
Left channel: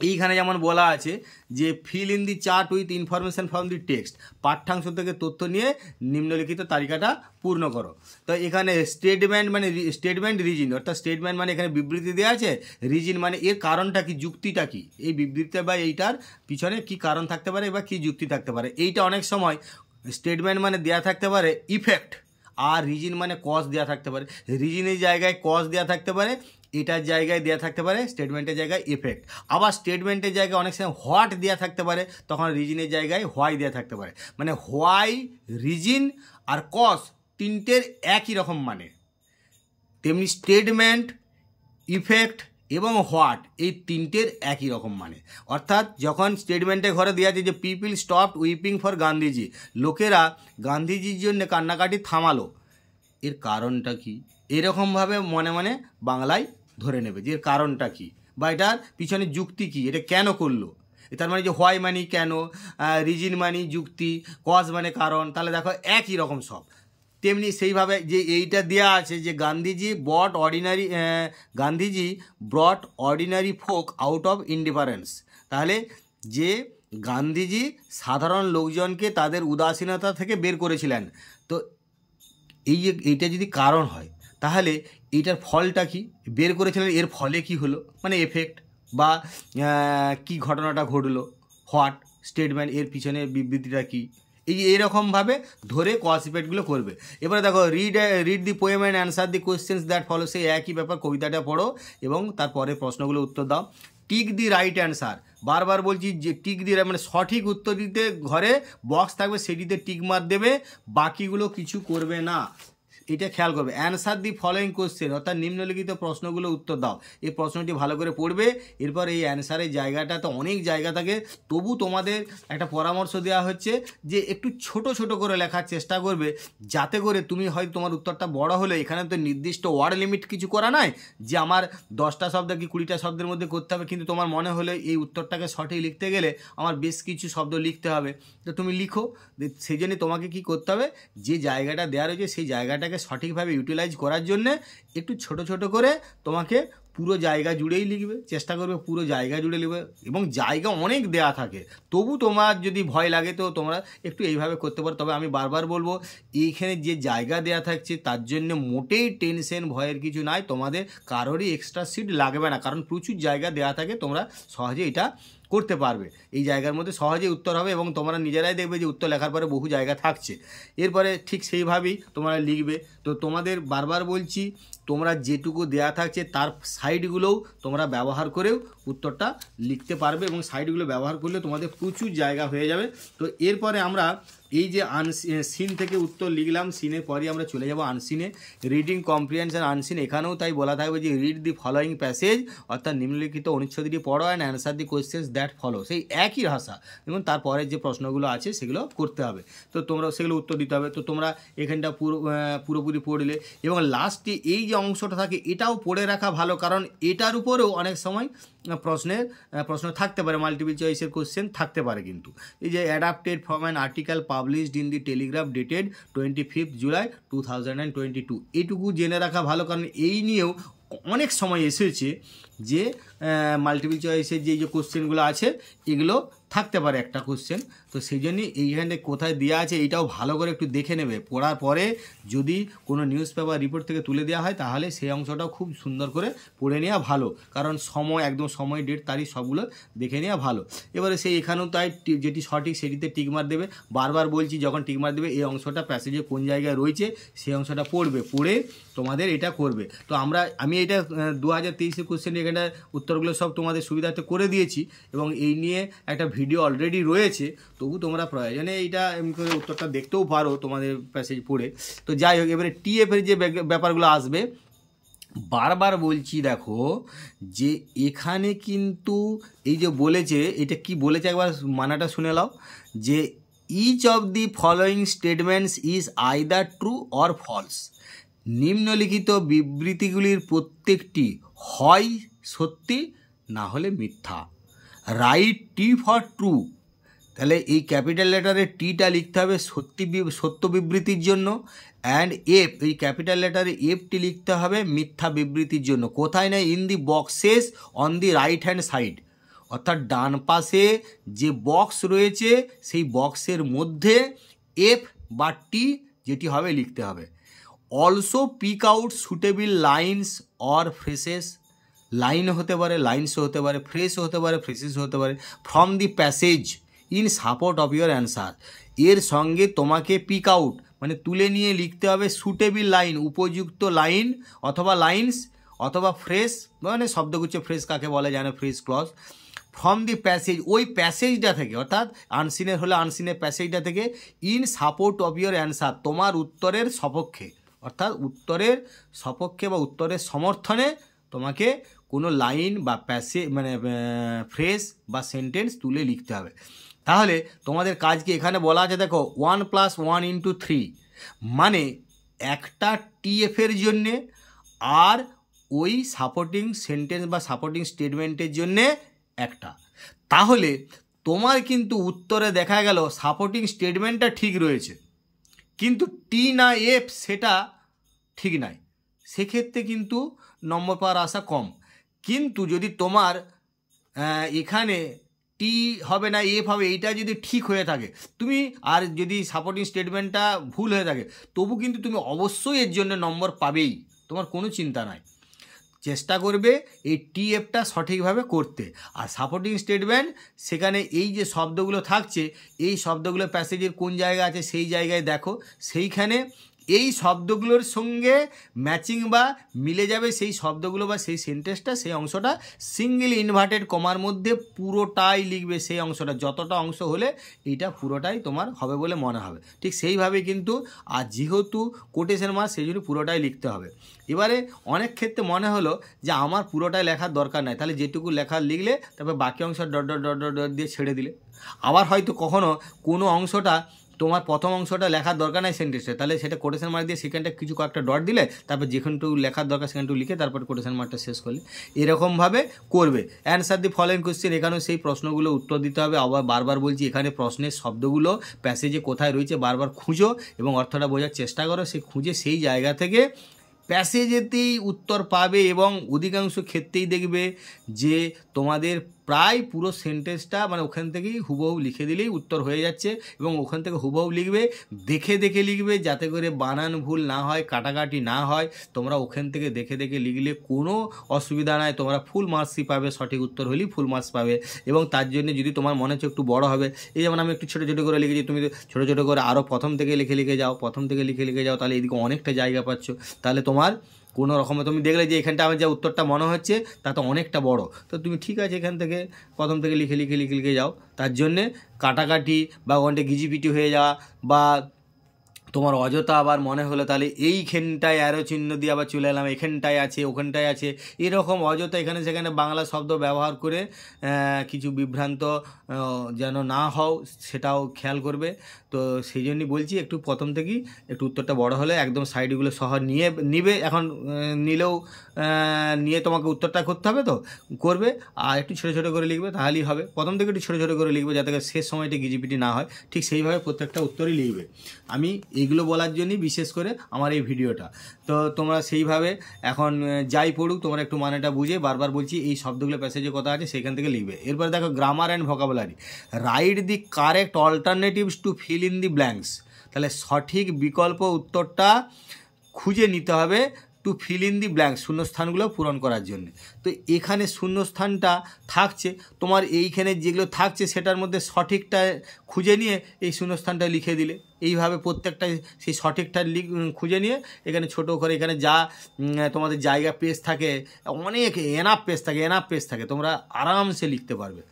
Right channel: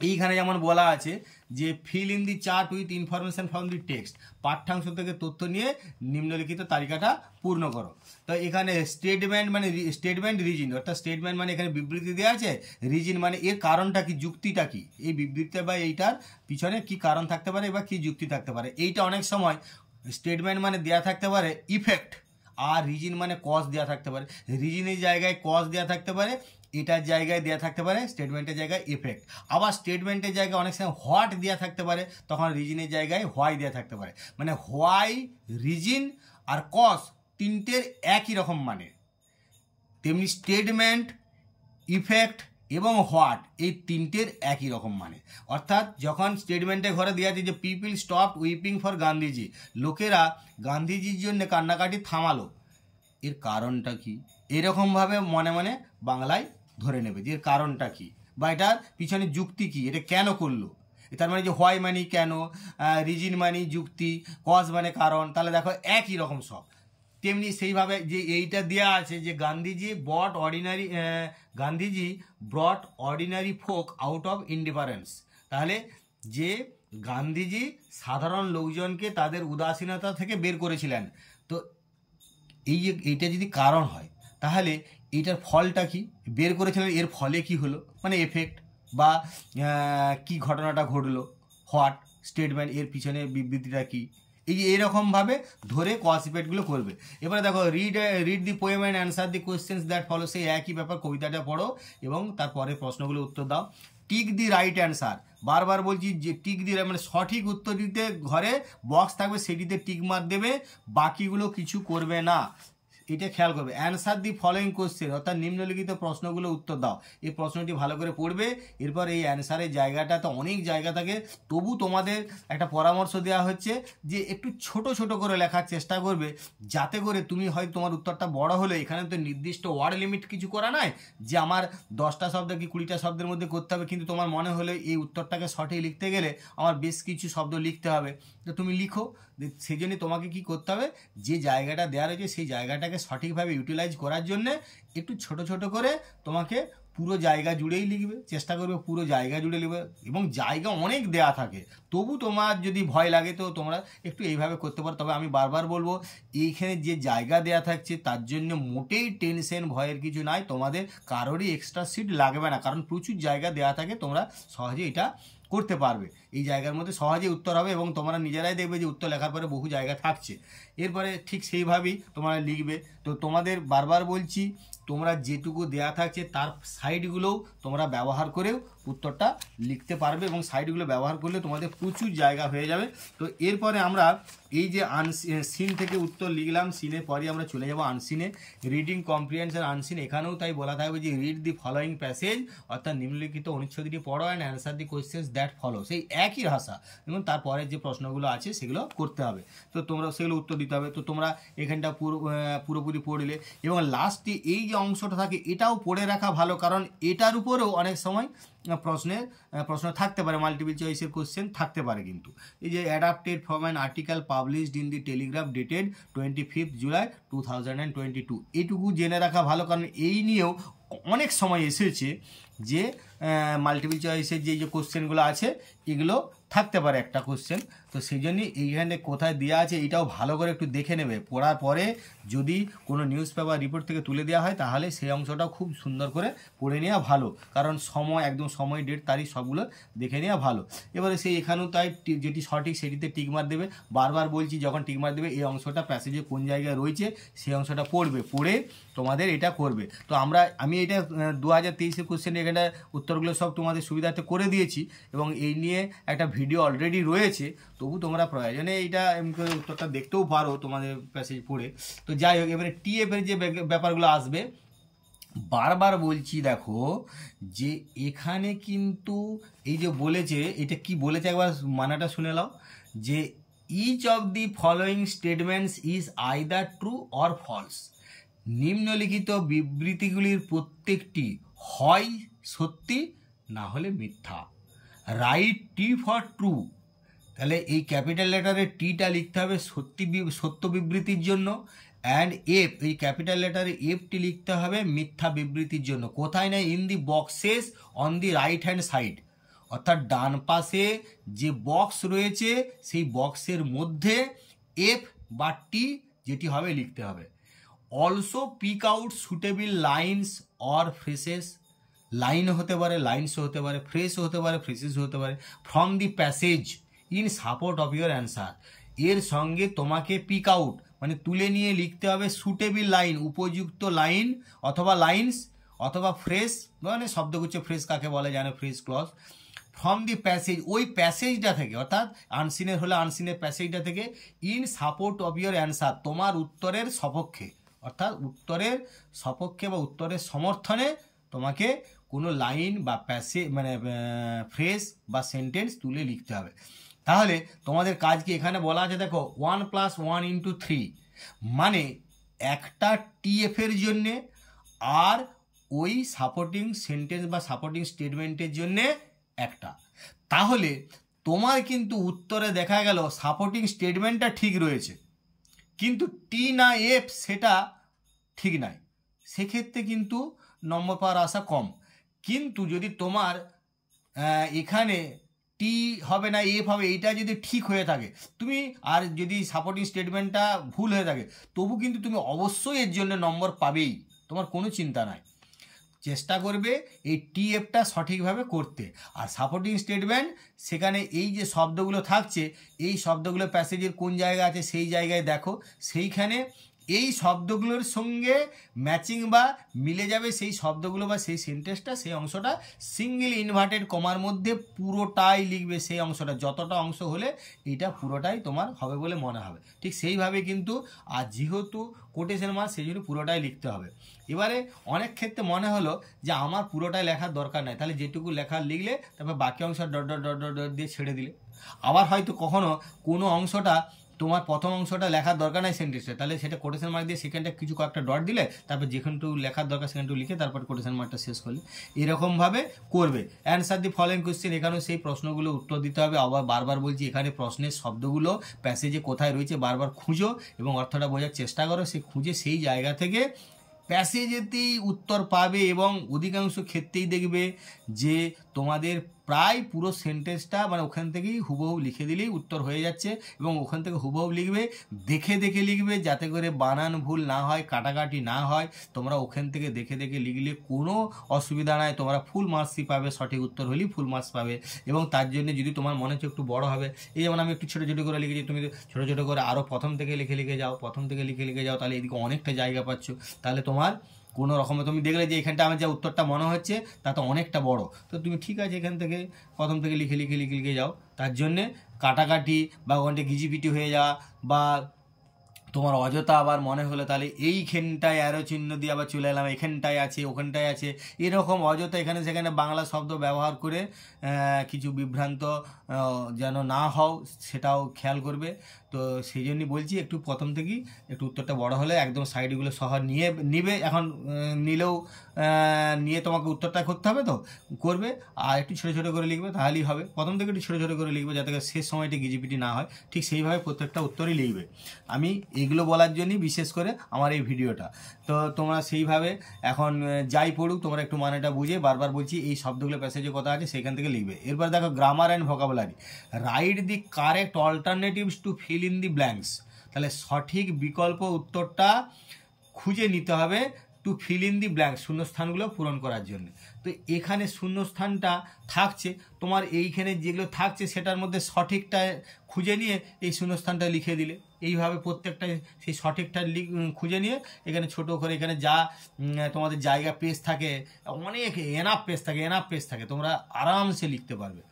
এইখানে যেমন বলা আছে যে fill in the chart with information from the text, পাঠ্যাংশ থেকে তথ্য নিয়ে নিম্নলিখিত তালিকাটা পূর্ণ করো। তো এখানে স্টেটমেন্ট রিজন, অর্থাৎ স্টেটমেন্ট মানে এখানে বিবৃতি দেওয়া আছে, রিজন মানে এর কারণটা কি, যুক্তিটা কি, এই বিবৃতি বা এইটার পিছনে কি কারণ থাকতে পারে বা কি যুক্তি থাকতে পারে। এইটা অনেক সময় স্টেটমেন্ট মানে দেওয়া থাকতে পারে ইফেক্ট, আর রিজন মানে কজ দেওয়া থাকতে পারে। রিজনের জায়গায় কজ দেওয়া থাকতে পারে, এটার জায়গায় দেওয়া থাকতে পারে স্টেটমেন্টের জায়গায় ইফেক্ট। আবার স্টেটমেন্টের জায়গায় অনেক সময় হোয়াট দেওয়া থাকতে পারে, তখন রিজনের জায়গায় হোয়াই দেওয়া থাকতে পারে। মানে হোয়াই, রিজন আর কজ তিনটের একই রকম মানে, তেমনি স্টেটমেন্ট, ইফেক্ট এবং হোয়াট এই তিনটের একই রকম মানে। অর্থাৎ যখন স্টেটমেন্টের ঘরে দেওয়া আছে যে people stopped weeping for Gandhiji, লোকেরা গান্ধীজির জন্য কান্নাকাটি থামালো, এর কারণটা কি, এরকমভাবে মনে মনে বাংলায় ধরে নেবে যে এর কারণটা কি বা এটার পিছনে যুক্তি কি, এটা কেন করলো। তার মানে যে হোয়াই মানি কেন, রিজন মানি যুক্তি, কজ মানে কারণ, তাহলে দেখো একই রকম সব। তেমনি সেইভাবে যে এইটা দেওয়া আছে যে Gandhiji ব্রট ordinary folk out of indifference, তাহলে যে গান্ধীজি সাধারণ লোকজনকে তাদের উদাসীনতা থেকে বের করেছিলেন। তো এইটা যদি কারণ হয় তাহলে এইটার ফলটা কি, বের করেছিলেন এর ফলে কি হলো, মানে এফেক্ট বা কি ঘটনাটা ঘটলো, হোয়াট স্টেটমেন্ট এর পিছনে বিবৃতিটা কি, এইরকমভাবে ধরে কজ ইফেক্টগুলো করবে। এবারে দেখো read the poem and answer the questions that follow, সেই একই ব্যাপার, কবিতাটা পড়ো এবং তারপরে প্রশ্নগুলো উত্তর দাও। টিক দি রাইট অ্যান্সার, বারবার বলছি যে টিক দিয়ে মানে সঠিক উত্তর দিতে ঘরে বক্স থাকবে সেটিতে টিক মার দেবে, বাকিগুলো কিছু করবে না। এটা খেয়াল করবে। অ্যান্সার দি ফলোয়িং কোশ্চেন, অর্থাৎ নিম্নলিখিত প্রশ্নগুলো উত্তর দাও। এই প্রশ্নটি ভালো করে পড়বে। এরপর এই অ্যান্সারের জায়গাটা তো অনেক জায়গা থাকে, তবু তোমাদের একটা পরামর্শ দেওয়া হচ্ছে যে একটু ছোট ছোট করে লেখার চেষ্টা করবে, যাতে করে তুমি হয়তো তোমার উত্তরটা বড় হলে, এখানে তো নির্দিষ্ট ওয়ার্ড লিমিট কিছু করা নাই যে আমার 10টা শব্দ কি 20টা শব্দের মধ্যে করতে হবে, কিন্তু তোমার মনে হলে এই উত্তরটাকে সঠিক লিখতে গেলে আমার বেশ কিছু শব্দ লিখতে হবে, তো তুমি লিখো। সেই জন্য তোমাকে কী করতে হবে, যে জায়গাটা দেওয়া রয়েছে সেই জায়গাটাকে সঠিকভাবে ইউটিলাইজ করার জন্যে একটু ছোট ছোট করে তোমাকে পুরো জায়গা জুড়েই লিখবে, চেষ্টা করবে পুরো জায়গা জুড়ে লিখবে। এবং জায়গা অনেক দেয়া থাকে, তবু তোমার যদি ভয় লাগে তো তোমরা একটু এইভাবে করতে পারো। তবে আমি বারবার বলবো, এইখানে যে জায়গা দেয়া থাকছে তার জন্য মোটেই টেনশন ভয়ের কিছু নাই, তোমাদের কারোরই এক্সট্রা সিট লাগবে না, কারণ প্রচুর জায়গা দেয়া থাকে, তোমরা সহজে এটা করতে পারবে। এই জায়গার মধ্যে সহজেই উত্তর হবে এবং তোমরা নিজেরাই দেখবে যে উত্তর লেখার পরে বহু জায়গা থাকছে। এরপরে ঠিক সেইভাবেই তোমরা লিখবে। তো তোমাদের বারবার বলছি, তোমরা যেটুকু দেয়া থাকছে তার সাইডগুলোও তোমরা ব্যবহার করেও উত্তরটা লিখতে পারবে, এবং সাইডগুলো ব্যবহার করলে তোমাদের প্রচুর জায়গা হয়ে যাবে। তো এরপরে আমরা এই যে সিন থেকে উত্তর লিখলাম, সিনের পরই আমরা চলে যাব আনসিনে। রিডিং কম্প্রিহেনশন আনসিন, এখানেও তাই বলা থাকবে যে রিড দি ফলোয়িং প্যাসেজ, অর্থাৎ নিম্নলিখিত অনুচ্ছেদটি পড়ো and answer the questions that follow. সেই একই ভাষা এবং তারপরে যে প্রশ্নগুলো আছে সেগুলো করতে হবে, তো তোমরা সেগুলো উত্তর দিতে হবে। তো তোমরা এখানটা পুরোপুরি পড়লে, এবং লাস্টে এই যে অংশটা থাকে এটাও পড়ে রাখা ভালো, কারণ এটার উপরেও অনেক সময় প্রশ্ন থাকতে পারে, মাল্টিপল চয়েসের কোশ্চেন থাকতে পারে। কিন্তু এই যে adapted from an article published in the Telegraph dated 25 July 2022, এটুকু জেনে রাখা ভালো, কারণ এই নিয়েও অনেক সময় এসেছে যে মাল্টিপল চয়েসের যে কোশ্চেনগুলো আছে এগুলো থাকতে পারে একটা কোশ্চেন। তো সেই জন্যই এইখানে কোথায় দেওয়া আছে এইটাও ভালো করে একটু দেখে নেবে। পড়ার পরে যদি কোনো নিউজ পেপার রিপোর্ট থেকে তুলে দেওয়া হয় তাহলে সেই অংশটাও খুব সুন্দর করে পড়ে নেওয়া ভালো, কারণ সময় একদম সময় ডেট তারিখ সবগুলো দেখে নেওয়া ভালো। এবারে সেই এখানেও তাই যেটি সঠিক সেটিতে টিকমার দেবে। বারবার বলছি, যখন টিকমার দেবে এই অংশটা প্যাসেজে কোন জায়গায় রয়েছে সেই অংশটা পড়বে, পড়ে তোমাদের এটা করবে। তো আমি এটা 2023 কোশ্চেন এখানে উত্তরগুলো সব তোমাদের সুবিধার্থে করে দিয়েছি, এবং এই নিয়ে একটা ভিডিও অলরেডি রয়েছে, তবু তোমরা প্রয়োজনে এইটা এমনি করে উত্তরটা দেখতেও পারো তোমাদের প্যাসেজ পড়ে। তো যাই হোক, এবারে টিএফের যে ব্যাপারগুলো আসবে, বারবার বলছি দেখো যে এখানে কিন্তু এই যে বলেছে, এটা কি বলেছে একবার মানাটা শুনে নাও, যে each of the following statements is either true or false. নিম্নলিখিত বিবৃতিগুলির প্রত্যেকটি হয় সত্যি না হলে মিথ্যা। রাইট টি ফর ট্রু, তাহলে এই ক্যাপিটাল লেটারে টিটা লিখতে হবে সত্য বিবৃতির জন্য, অ্যান্ড এফ, এই ক্যাপিটাল লেটারে এফটি লিখতে হবে মিথ্যা বিবৃতির জন্য। কোথায় না, in the boxes on the right hand side, অর্থাৎ ডান পাশে যে বক্স রয়েছে সেই বক্সের মধ্যে এফ বা টি যেটি হবে লিখতে হবে। Also pick out suitable lines or phrases, line হতে পারে, লাইনসও হতে পারে, ফ্রেসও হতে পারে, ফ্রেসেস হতে পারে, from the passage in support of your answer. এর সঙ্গে তোমাকে পিক আউট মানে তুলে নিয়ে লিখতে হবে সুটেবল লাইন, উপযুক্ত লাইন অথবা লাইনস অথবা ফ্রেস, মানে শব্দগুচ্ছ ফ্রেস কাকে বলে জানো, phrase clause, from the passage, ওই প্যাসেজটা থেকে, অর্থাৎ আনসিনের হলে আনসিনের প্যাসেজটা থেকে, in support of your answer, তোমার উত্তরের সপক্ষে, অর্থাৎ উত্তরের সপক্ষে বা উত্তরের সমর্থনে তোমাকে কোনো লাইন বা মানে ফ্রেজ বা সেন্টেন্স তুলে লিখতে হবে। তাহলে তোমাদের কাজ কি, এখানে বলা আছে দেখো 1 + 1 × 3, মানে একটা টিএফের জন্যে আর ওই সাপোর্টিং সেন্টেন্স বা সাপোর্টিং স্টেটমেন্টের জন্যে একটা। তাহলে তোমার কিন্তু উত্তরে দেখা গেল সাপোর্টিং স্টেটমেন্টটা ঠিক রয়েছে, কিন্তু টি না এফ সেটা ঠিক নাই, সেক্ষেত্রে কিন্তু নম্বর পাওয়ার আশা কম। কিন্তু যদি তোমার এখানে টি হবে না এফ হবে, এইটা যদি ঠিক হয়ে থাকে তুমি, আর যদি সাপোর্টিং স্টেটমেন্টটা ভুল হয়ে থাকে, তবু কিন্তু তুমি অবশ্যই এর জন্য নম্বর পাবেই, তোমার কোনো চিন্তা নাই। চেষ্টা করবে এই টিএফটা সঠিকভাবে করতে। আর সাপোর্টিং স্টেটমেন্ট, সেখানে এই যে শব্দগুলো থাকছে এই শব্দগুলো প্যাসেজের কোন জায়গা আছে সেই জায়গায় দেখো, সেইখানে এই শব্দগুলোর সঙ্গে ম্যাচিং বা মিলে যাবে সেই শব্দগুলো বা সেই সেন্টেন্সটা, সেই অংশটা সিঙ্গেল ইনভার্টেড কমার মধ্যে পুরোটাই লিখবে। সেই অংশটা যতটা অংশ হলে এইটা পুরোটাই তোমার হবে বলে মনে হবে। ঠিক সেইভাবে কিন্তু, আর যেহেতু কোটেশন মার্ক সেই জন্য পুরোটাই লিখতে হবে। এবারে অনেক ক্ষেত্রে মনে হলো যে আমার পুরোটাই লেখার দরকার নাই, তাহলে যেটুকু লেখা লিখলে তারপর বাকি অংশ dot dot dot dot dot দিয়ে ছেড়ে দিলে। আবার হয়তো কখনো কোনো অংশটা তোমার প্রথম অংশটা লেখার দরকার নাই সেন্টেন্সে, তাহলে সেটা কোটেশন মার্ক দিয়ে সেখানটা কিছু কয়েকটা ডট দিলে, তারপর যেখানটুকু লেখার দরকার সেখানটুকু লিখে তারপর কোটেশন মার্কটা শেষ করলে। এরকমভাবে করবে। অ্যান্সার দি ফলোইং কোশ্চেন, এখানেও সেই প্রশ্নগুলো উত্তর দিতে হবে। আবার বারবার বলছি, এখানে প্রশ্নের শব্দগুলো প্যাসেজে কোথায় রয়েছে বারবার খুঁজো এবং অর্থটা বোঝার চেষ্টা করো। সেই খুঁজে সেই জায়গা থেকে প্যাসেজেতেই উত্তর পাবে এবং অধিকাংশ ক্ষেত্রেই দেখবে যে তোমাদের প্রায় পুরো সেন্টেন্সটা মানে ওখান থেকেই হুবহু লিখে দিলেই উত্তর হয়ে যাচ্ছে। এবং ওখান থেকে হুবহু লিখবে, দেখে দেখে লিখবে যাতে করে বানান ভুল না হয়, কাটাকাটি না হয়। তোমরা ওখান থেকে দেখে দেখে লিখলে কোনো অসুবিধা নাই, তোমরা ফুল মার্কসই পাবে। সঠিক উত্তর হলেই ফুল মার্কস পাবে। এবং তার জন্য যদি তোমার মনে হচ্ছে একটু বড় হবে, এই যেমন আমি একটু ছোটো ছোটো করে লিখেছি, তুমি ছোটো ছোটো করে আরও প্রথম থেকে লিখে লিখে যাও, প্রথম থেকে লিখে লিখে যাও, তাহলে এদিকে অনেকটা জায়গা পাচ্ছ। তাহলে তোমার কোনো রকমে তুমি দেখলে যে এখানটা আমার যা উত্তরটা মনে হচ্ছে তা তো অনেকটা বড়, তো তুমি ঠিক আছে এখান থেকে প্রথম থেকে লিখে লিখে লিখে লিখে যাও। তার জন্যে কাটাকাটি বা ওখানটা গিজিপিটি হয়ে যাওয়া বা তোমার অযথা আবার মনে হলো তাহলে এইখানটায় অ্যারো চিহ্ন দিয়ে আবার চলে এলাম, এখানটায় আছে ওখানটায় আছে, এরকম অযথা এখানে সেখানে বাংলা শব্দ ব্যবহার করে কিছু বিভ্রান্ত যেন না হও সেটাও খেয়াল করবে। তো সেই জন্যই বলছি একটু প্রথম থেকেই একটু উত্তরটা বড় হলে একদম সাইডগুলো সহ নিবে। এখন নিলেও নিয়ে তোমাকে উত্তরটা করতে হবে, তো করবে। আর একটু ছোটো ছোটো করে লিখবে, তাহলেই হবে। প্রথম থেকে একটু ছোটো ছোটো করে লিখবে যাতে শেষ সময়টা গিজিপিটি না হয়। ঠিক সেইভাবে প্রত্যেকটা উত্তরই লিখবে। আমি এইগুলো বলার জন্যই বিশেষ করে আমার এই ভিডিওটা। তো তোমরা সেইভাবে এখন যাই পড়ুক তোমরা একটু মানেটা বুঝে, বারবার বলছি এই শব্দগুলো প্যাসেজে কথা আছে সেখান থেকে লিখবে। এরপর দেখো grammar and vocabulary. Write the correct alternatives to fill in the blanks. তাহলে সঠিক বিকল্প উত্তরটা খুঁজে নিতে হবে to fill in the blanks, শূন্যস্থানগুলো পূরণ করার জন্য। তো এখানে শূন্যস্থানটা থাকছে, তোমার এইখানে যেগুলো থাকছে সেটার মধ্যে সঠিকটা খুঁজে নিয়ে এই শূন্যস্থানটা লিখে দিলে। এইভাবে প্রত্যেকটা সেই সঠিকটা খুঁজে নিয়ে এখানে ছোটো করে এখানে যা তোমাদের জায়গা পেজ থাকে, অনেক এনাফ পেজ থাকে, তোমরা আরামসে লিখতে পারবে।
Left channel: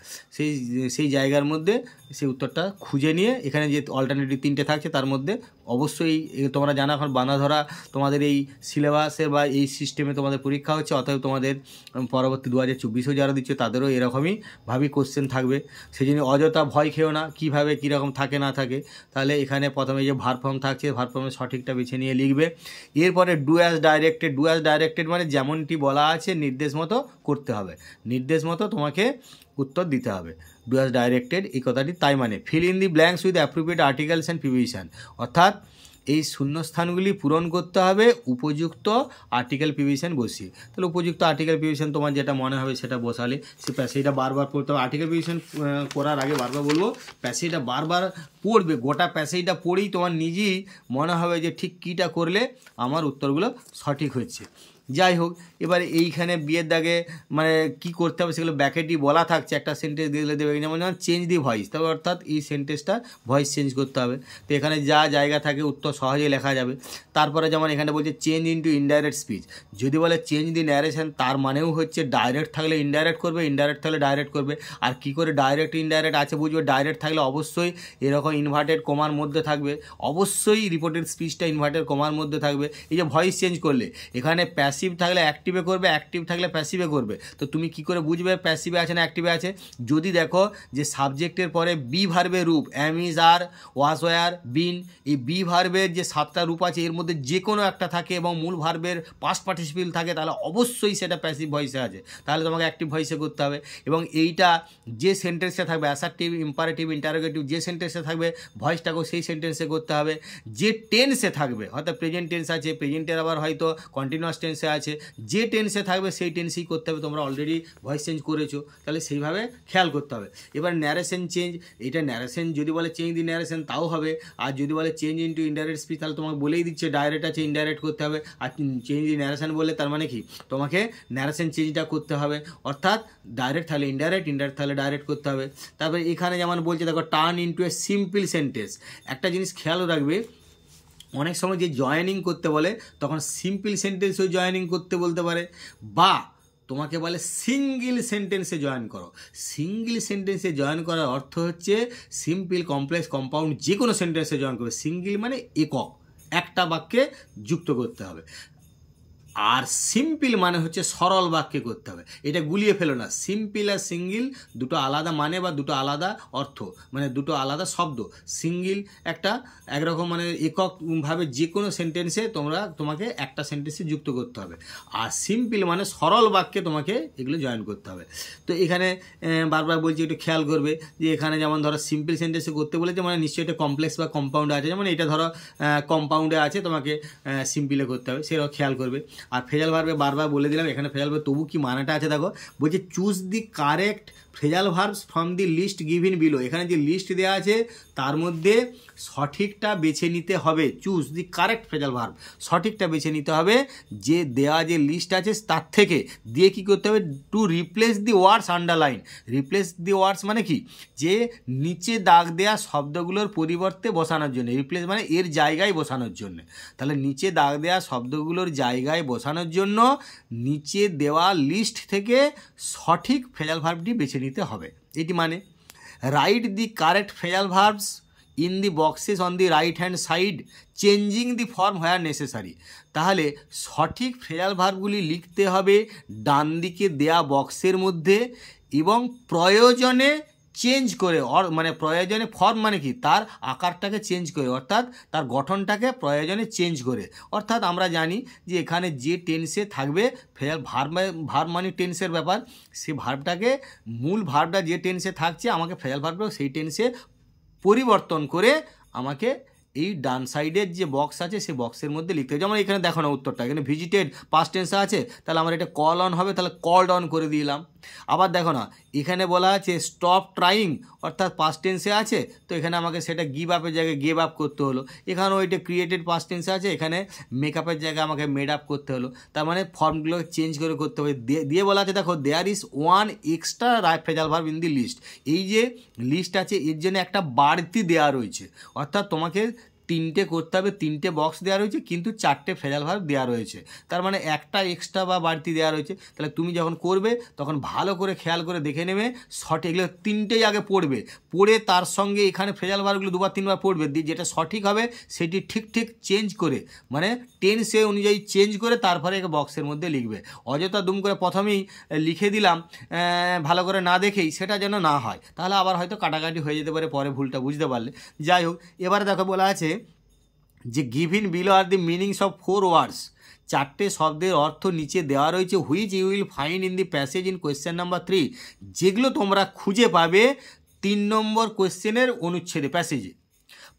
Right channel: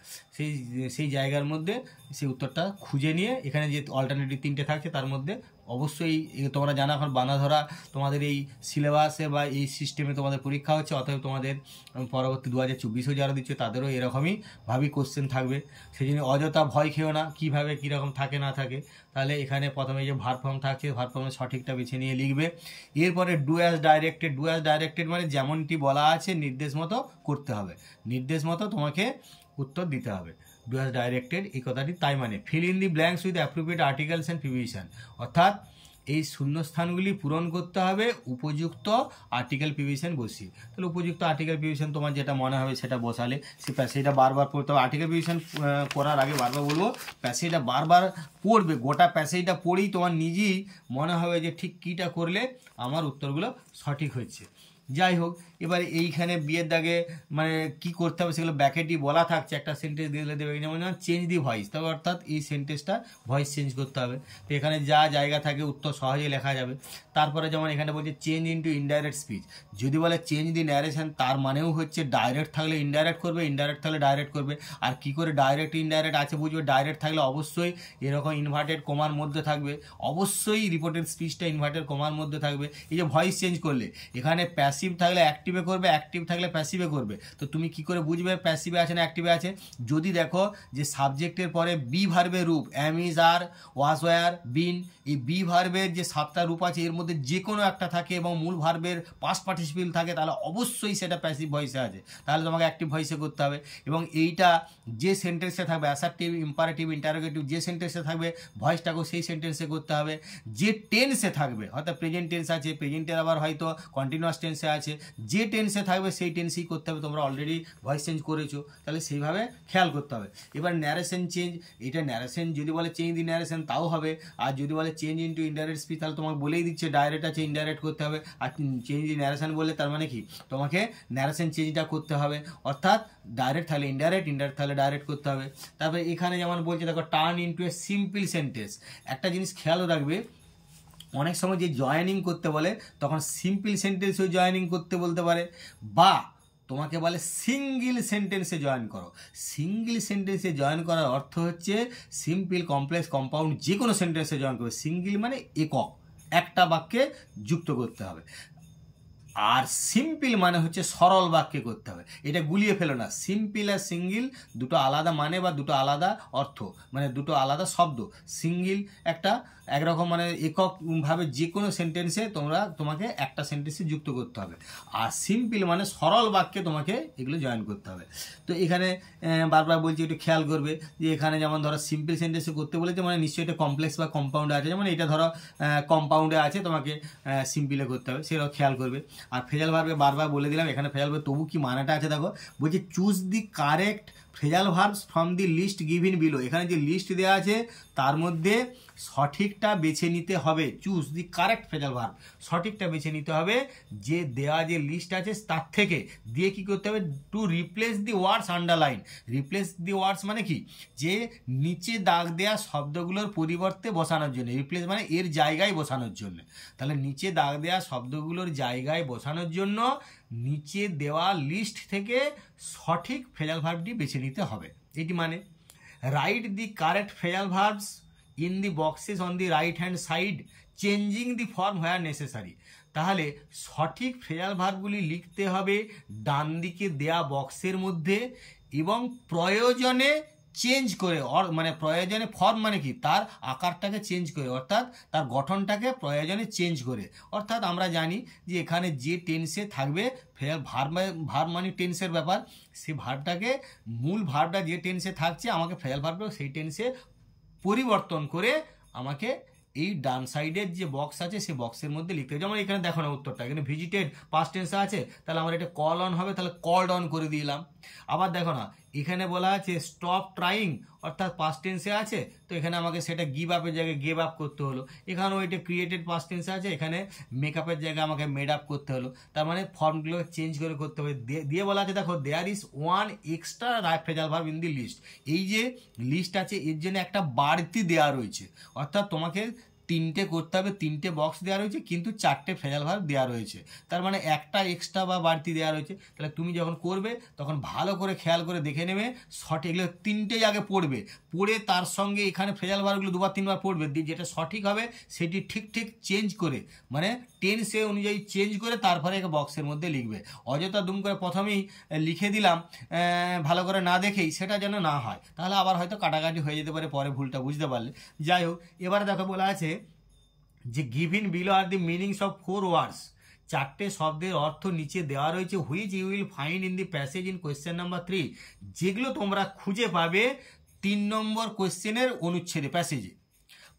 সেই জায়গার মধ্যে সেই উত্তরটা খুঁজে নিয়ে এখানে যে অল্টারনেটিভ 3টে থাকছে তার মধ্যে অবশ্যই তোমরা জানো এখন বানা ধরা তোমাদের এই সিলেবাসে বা এই সিস্টেমে তোমাদের পরীক্ষা হচ্ছে, অতএব তোমাদের পরবর্তী 2024-এও যারা দিচ্ছে তাদেরও এরকমই ভাবি কোশ্চেন থাকবে। সেই জন্য অযথা ভয় খেও না কীভাবে কীরকম থাকে না থাকে। তাহলে এখানে প্রথমে যে ভার্ব ফর্ম থাকছে ভার্ব ফর্মের সঠিকটা বেছে নিয়ে লিখবে। এরপরে ডু অ্যাজ ডাইরেক্টেড মানে যেমনটি বলা আছে নির্দেশ মতো করতে হবে, নির্দেশ মতো তোমাকে উত্তর দিতে হবে। ডু অ্যাজ ডাইরেক্টেড এই কথাটি তাই মানে feel in the blanks with appropriate articles and preposition, অর্থাৎ এই শূন্যস্থানগুলি পূরণ করতে হবে উপযুক্ত আর্টিকেল প্রিপোজিশন বসিয়ে। তাহলে উপযুক্ত আর্টিকেল প্রিপোজিশন তোমার যেটা মনে হবে সেটা বসালে, সে প্যাসেজটা বারবার পড়তে হবে। আর্টিকেল প্রিপোজিশন করার আগে বারবার বলবো প্যাসেজটা বারবার পড়বে, গোটা প্যাসেজটা পড়েই তোমার নিজেই মনে হবে যে ঠিক কীটা করলে আমার উত্তরগুলো সঠিক হচ্ছে। যাই হোক, এবার এইখানে বিয়ের দাগে মানে কি করতে হবে সেগুলো ব্যাকেটই বলা থাকছে, একটা সেন্টেন্স দিলে দেবে, যেমন চেঞ্জ দি ভয়েস, তবে অর্থাৎ এই সেন্টেন্সটা ভয়েস চেঞ্জ করতে হবে। তো এখানে যা জায়গা থাকে উত্তর সহজেই লেখা যাবে। তারপরে যেমন এখানে বলছে চেঞ্জ ইনটু ইনডাইরেক্ট স্পিচ, যদি বলে চেঞ্জ দি ন্যারেশন তার মানেও হচ্ছে ডাইরেক্ট থাকলে ইনডাইরেক্ট করবে, ইনডাইরেক্ট থাকলে ডাইরেক্ট করবে। আর কি করে ডাইরেক্ট ইনডাইরেক্ট আছে বুঝবে, ডাইরেক্ট থাকলে অবশ্যই এরকম ইনভার্টেড কমার মধ্যে থাকবে, অবশ্যই রিপোর্টেড স্পিচটা ইনভার্টেড কমার মধ্যে থাকবে। এই যে ভয়েস চেঞ্জ করলে এখানে প্যাসিভ থাকলে অ্যাক্টিভে করবে, অ্যাক্টিভ থাকলে প্যাসিভে করবে। তো তুমি কি করে বুঝবে প্যাসিভে আছে না অ্যাক্টিভে আছে? যদি দেখো যে সাবজেক্টের পরে বি ভার্বের রূপ অ্যাম, ইজ, আর, ওয়াজ, ওয়্যার, বিন, এই বি ভার্বের যে 7টা রূপ আছে এর মধ্যে যে কোনো একটা থাকে এবং মূল ভার্বের পাস্ট পার্টিসিপেল থাকে, তাহলে অবশ্যই সেটা প্যাসিভ ভয়েসে আছে, তাহলে তোমাকে অ্যাক্টিভ ভয়েসে করতে হবে। এবং এইটা যে সেন্টেন্সে থাকবে অ্যাসার্টিভ, ইম্পারেটিভ, ইন্টারোগেটিভ, যে সেন্টেন্সে থাকবে ভয়েসটাকেও সেই সেন্টেন্সে করতে হবে। যে টেন্সে থাকবে, হয়তো প্রেজেন্ট টেন্স আছে, প্রেজেন্টের আবার হয়তো কন্টিনিউয়াস টেন্সে আছে, যে টেন্সে থাকবে সেই টেন্সেই করতে হবে। তোমরা অলরেডি ভয়েস চেঞ্জ করেছো, তাহলে সেইভাবে খেয়াল করতে হবে। এবার ন্যারেশন চেঞ্জ, এটা ন্যারেশন যদি বলে চেঞ্জ দি ন্যারেশন তাও হবে, আর যদি বলে চেঞ্জ ইনটু ইনডাইরেক্ট স্পিচ তাহলে তোমাকে বলেই দিচ্ছে ডাইরেক্ট আছে ইনডাইরেক্ট করতে হবে। আর চেঞ্জ দি ন্যারেশন বললে তার মানে কি তোমাকে ন্যারেশন চেঞ্জটা করতে হবে, অর্থাৎ ডাইরেক্ট থাকলে ইনডাইরেক্ট, ইনডাইরেক্ট থাকলে ডাইরেক্ট করতে হবে। তারপরে এখানে যেমন বলছে দেখো turn into a simple sentence, একটা জিনিস খেয়ালও রাখবে অনেক সময় যে জয়েনিং করতে বলে তখন সিম্পল সেন্টেন্সেও জয়েনিং করতে বলতে পারে, বা তোমাকে বলে সিঙ্গেল সেন্টেন্সে জয়েন করো। সিঙ্গেল সেন্টেন্সে জয়েন করার অর্থ হচ্ছে সিম্পল, কমপ্লেক্স, কম্পাউন্ড যে কোনো সেন্টেন্সে জয়েন করবে। সিঙ্গেল মানে একক, একটা বাক্যে যুক্ত করতে হবে। আর সিম্পল মানে হচ্ছে সরল বাক্যে করতে হবে। এটা গুলিয়ে ফেলো না, সিম্পল আর সিঙ্গেল দুটো আলাদা মানে বা দুটো আলাদা অর্থ, মানে দুটো আলাদা শব্দ। সিঙ্গেল একটা একরকম মানে এককভাবে যে কোনো সেন্টেন্সে তোমাকে একটা সেন্টেন্সে যুক্ত করতে হবে, আর সিম্পল মানে সরল বাক্যে তোমাকে এগুলো জয়েন করতে হবে। তো এখানে বারবার বলছি একটু খেয়াল করবে যে এখানে যেমন ধরো সিম্পল সেন্টেন্সে করতে বলেছে মানে নিশ্চয়ই এটা কমপ্লেক্স বা কম্পাউন্ডে আছে, যেমন এটা ধরো কম্পাউন্ডে আছে, তোমাকে সিম্পলে করতে হবে, সেটাও খেয়াল করবে। আর ফ্রেজাল ভার্বে বারবার বলে দিলাম, এখানে ফ্রেজাল ভার্ব তবু কি মানেটা আছে দেখো, বলছে choose the correct phrasal verbs from the list given below. এখানে যে লিস্ট দেওয়া আছে তার মধ্যে সঠিকটা বেছে নিতে হবে। Choose the correct phrasal verb, সঠিকটা বেছে নিতে হবে যে দেওয়া যে লিস্ট আছে তার থেকে। দিয়ে কি করতে হবে, to replace the words underline. Replace the words মানে কি, যে নিচে দাগ দেওয়া শব্দগুলোর পরিবর্তে বসানোর জন্য। রিপ্লেস মানে এর জায়গায় বসানোর জন্য। তাহলে নিচে দাগ দেওয়া শব্দগুলোর জায়গায় বসানোর জন্য নিচে দেওয়া লিস্ট থেকে সঠিক ফ্রেজাল ভার্বটি বেছে নিতে হবে। এটি মানে right the correct phrasal verbs in the boxes on the right hand side changing the form where necessary. তাহলে সঠিক ফ্রেজাল ভার্বগুলি লিখতে হবে ডান দিকে দেয়া বক্সের মধ্যে, এবং প্রয়োজনে চেঞ্জ করে, মানে প্রয়োজনে ফর্ম মানে কি, তার আকারটাকে চেঞ্জ করে, অর্থাৎ তার গঠনটাকে প্রয়োজনে চেঞ্জ করে। অর্থাৎ আমরা জানি যে এখানে যে টেন্সে থাকবে ভার্ব মানে টেন্সের ব্যাপার, সেই ভার্বটাকে, মূল ভার্বটা যে টেন্সে থাকছে আমাকে ফ্রেজাল ভার্বটা সেই টেন্সে পরিবর্তন করে আমাকে এই ডান সাইডের যে বক্স আছে সেই বক্সের মধ্যে লিখতে হবে। যেমন এখানে দেখো না উত্তরটা, এখানে ভিজিটেড পাস্ট টেন্সে আছে, তাহলে আমার এটা কল অন হবে, তাহলে কলড অন করে দিলাম। আবার দেখো না এখানে বলা আছে স্টপ ট্রাইং, অর্থাৎ পাস্ট টেন্সে আছে, তো এখানে আমাকে সেটা গিভ আপের জায়গায় গিভ আপ করতে হলো। এখানেও এটা ক্রিয়েটেড পাস্ট টেন্সে আছে, এখানে মেকআপের জায়গায় আমাকে মেড আপ করতে হলো। তার মানে ফর্মগুলো চেঞ্জ করে করতে হবে। দিয়ে বলা আছে দেখো there is one extra phrasal verb in the list. এই যে লিস্ট আছে এর জন্য একটা বাড়তি দেওয়া রয়েছে, অর্থাৎ তোমাকে 3টে করতে হবে, 3টে বক্স দেওয়া রয়েছে কিন্তু 4টে ফ্রেজাল ভার্ব দেওয়া রয়েছে, তার মানে একটা এক্সট্রা বা বাড়তি দেওয়া রয়েছে। তাহলে তুমি যখন করবে তখন ভালো করে খেয়াল করে দেখে নেবে সঠিক, এগুলো 3টেই আগে পড়বে, পড়ে তার সঙ্গে এখানে ফ্রেজাল ভার্বগুলো 2-3বার পড়বে, যেটা সঠিক হবে সেটি ঠিক চেঞ্জ করে, মানে টেন্সে অনুযায়ী চেঞ্জ করে তারপরে একে বক্সের মধ্যে লিখবে। অযথা দুম করে প্রথমেই লিখে দিলাম ভালো করে না দেখেই, সেটা যেন না হয়, তাহলে আবার হয়তো কাটাকাটি হয়ে যেতে পারে পরে ভুলটা বুঝতে পারলে। যাই হোক, এবারে দেখো বলা আছে যে given below are the meanings of 4 words. 4টে শব্দের অর্থ নিচে দেওয়া রয়েছে, which you will find in the passage in question number 3, যেগুলো তোমরা খুঁজে পাবে 3 নম্বর কোয়েশ্চেনের অনুচ্ছেদে, প্যাসেজে।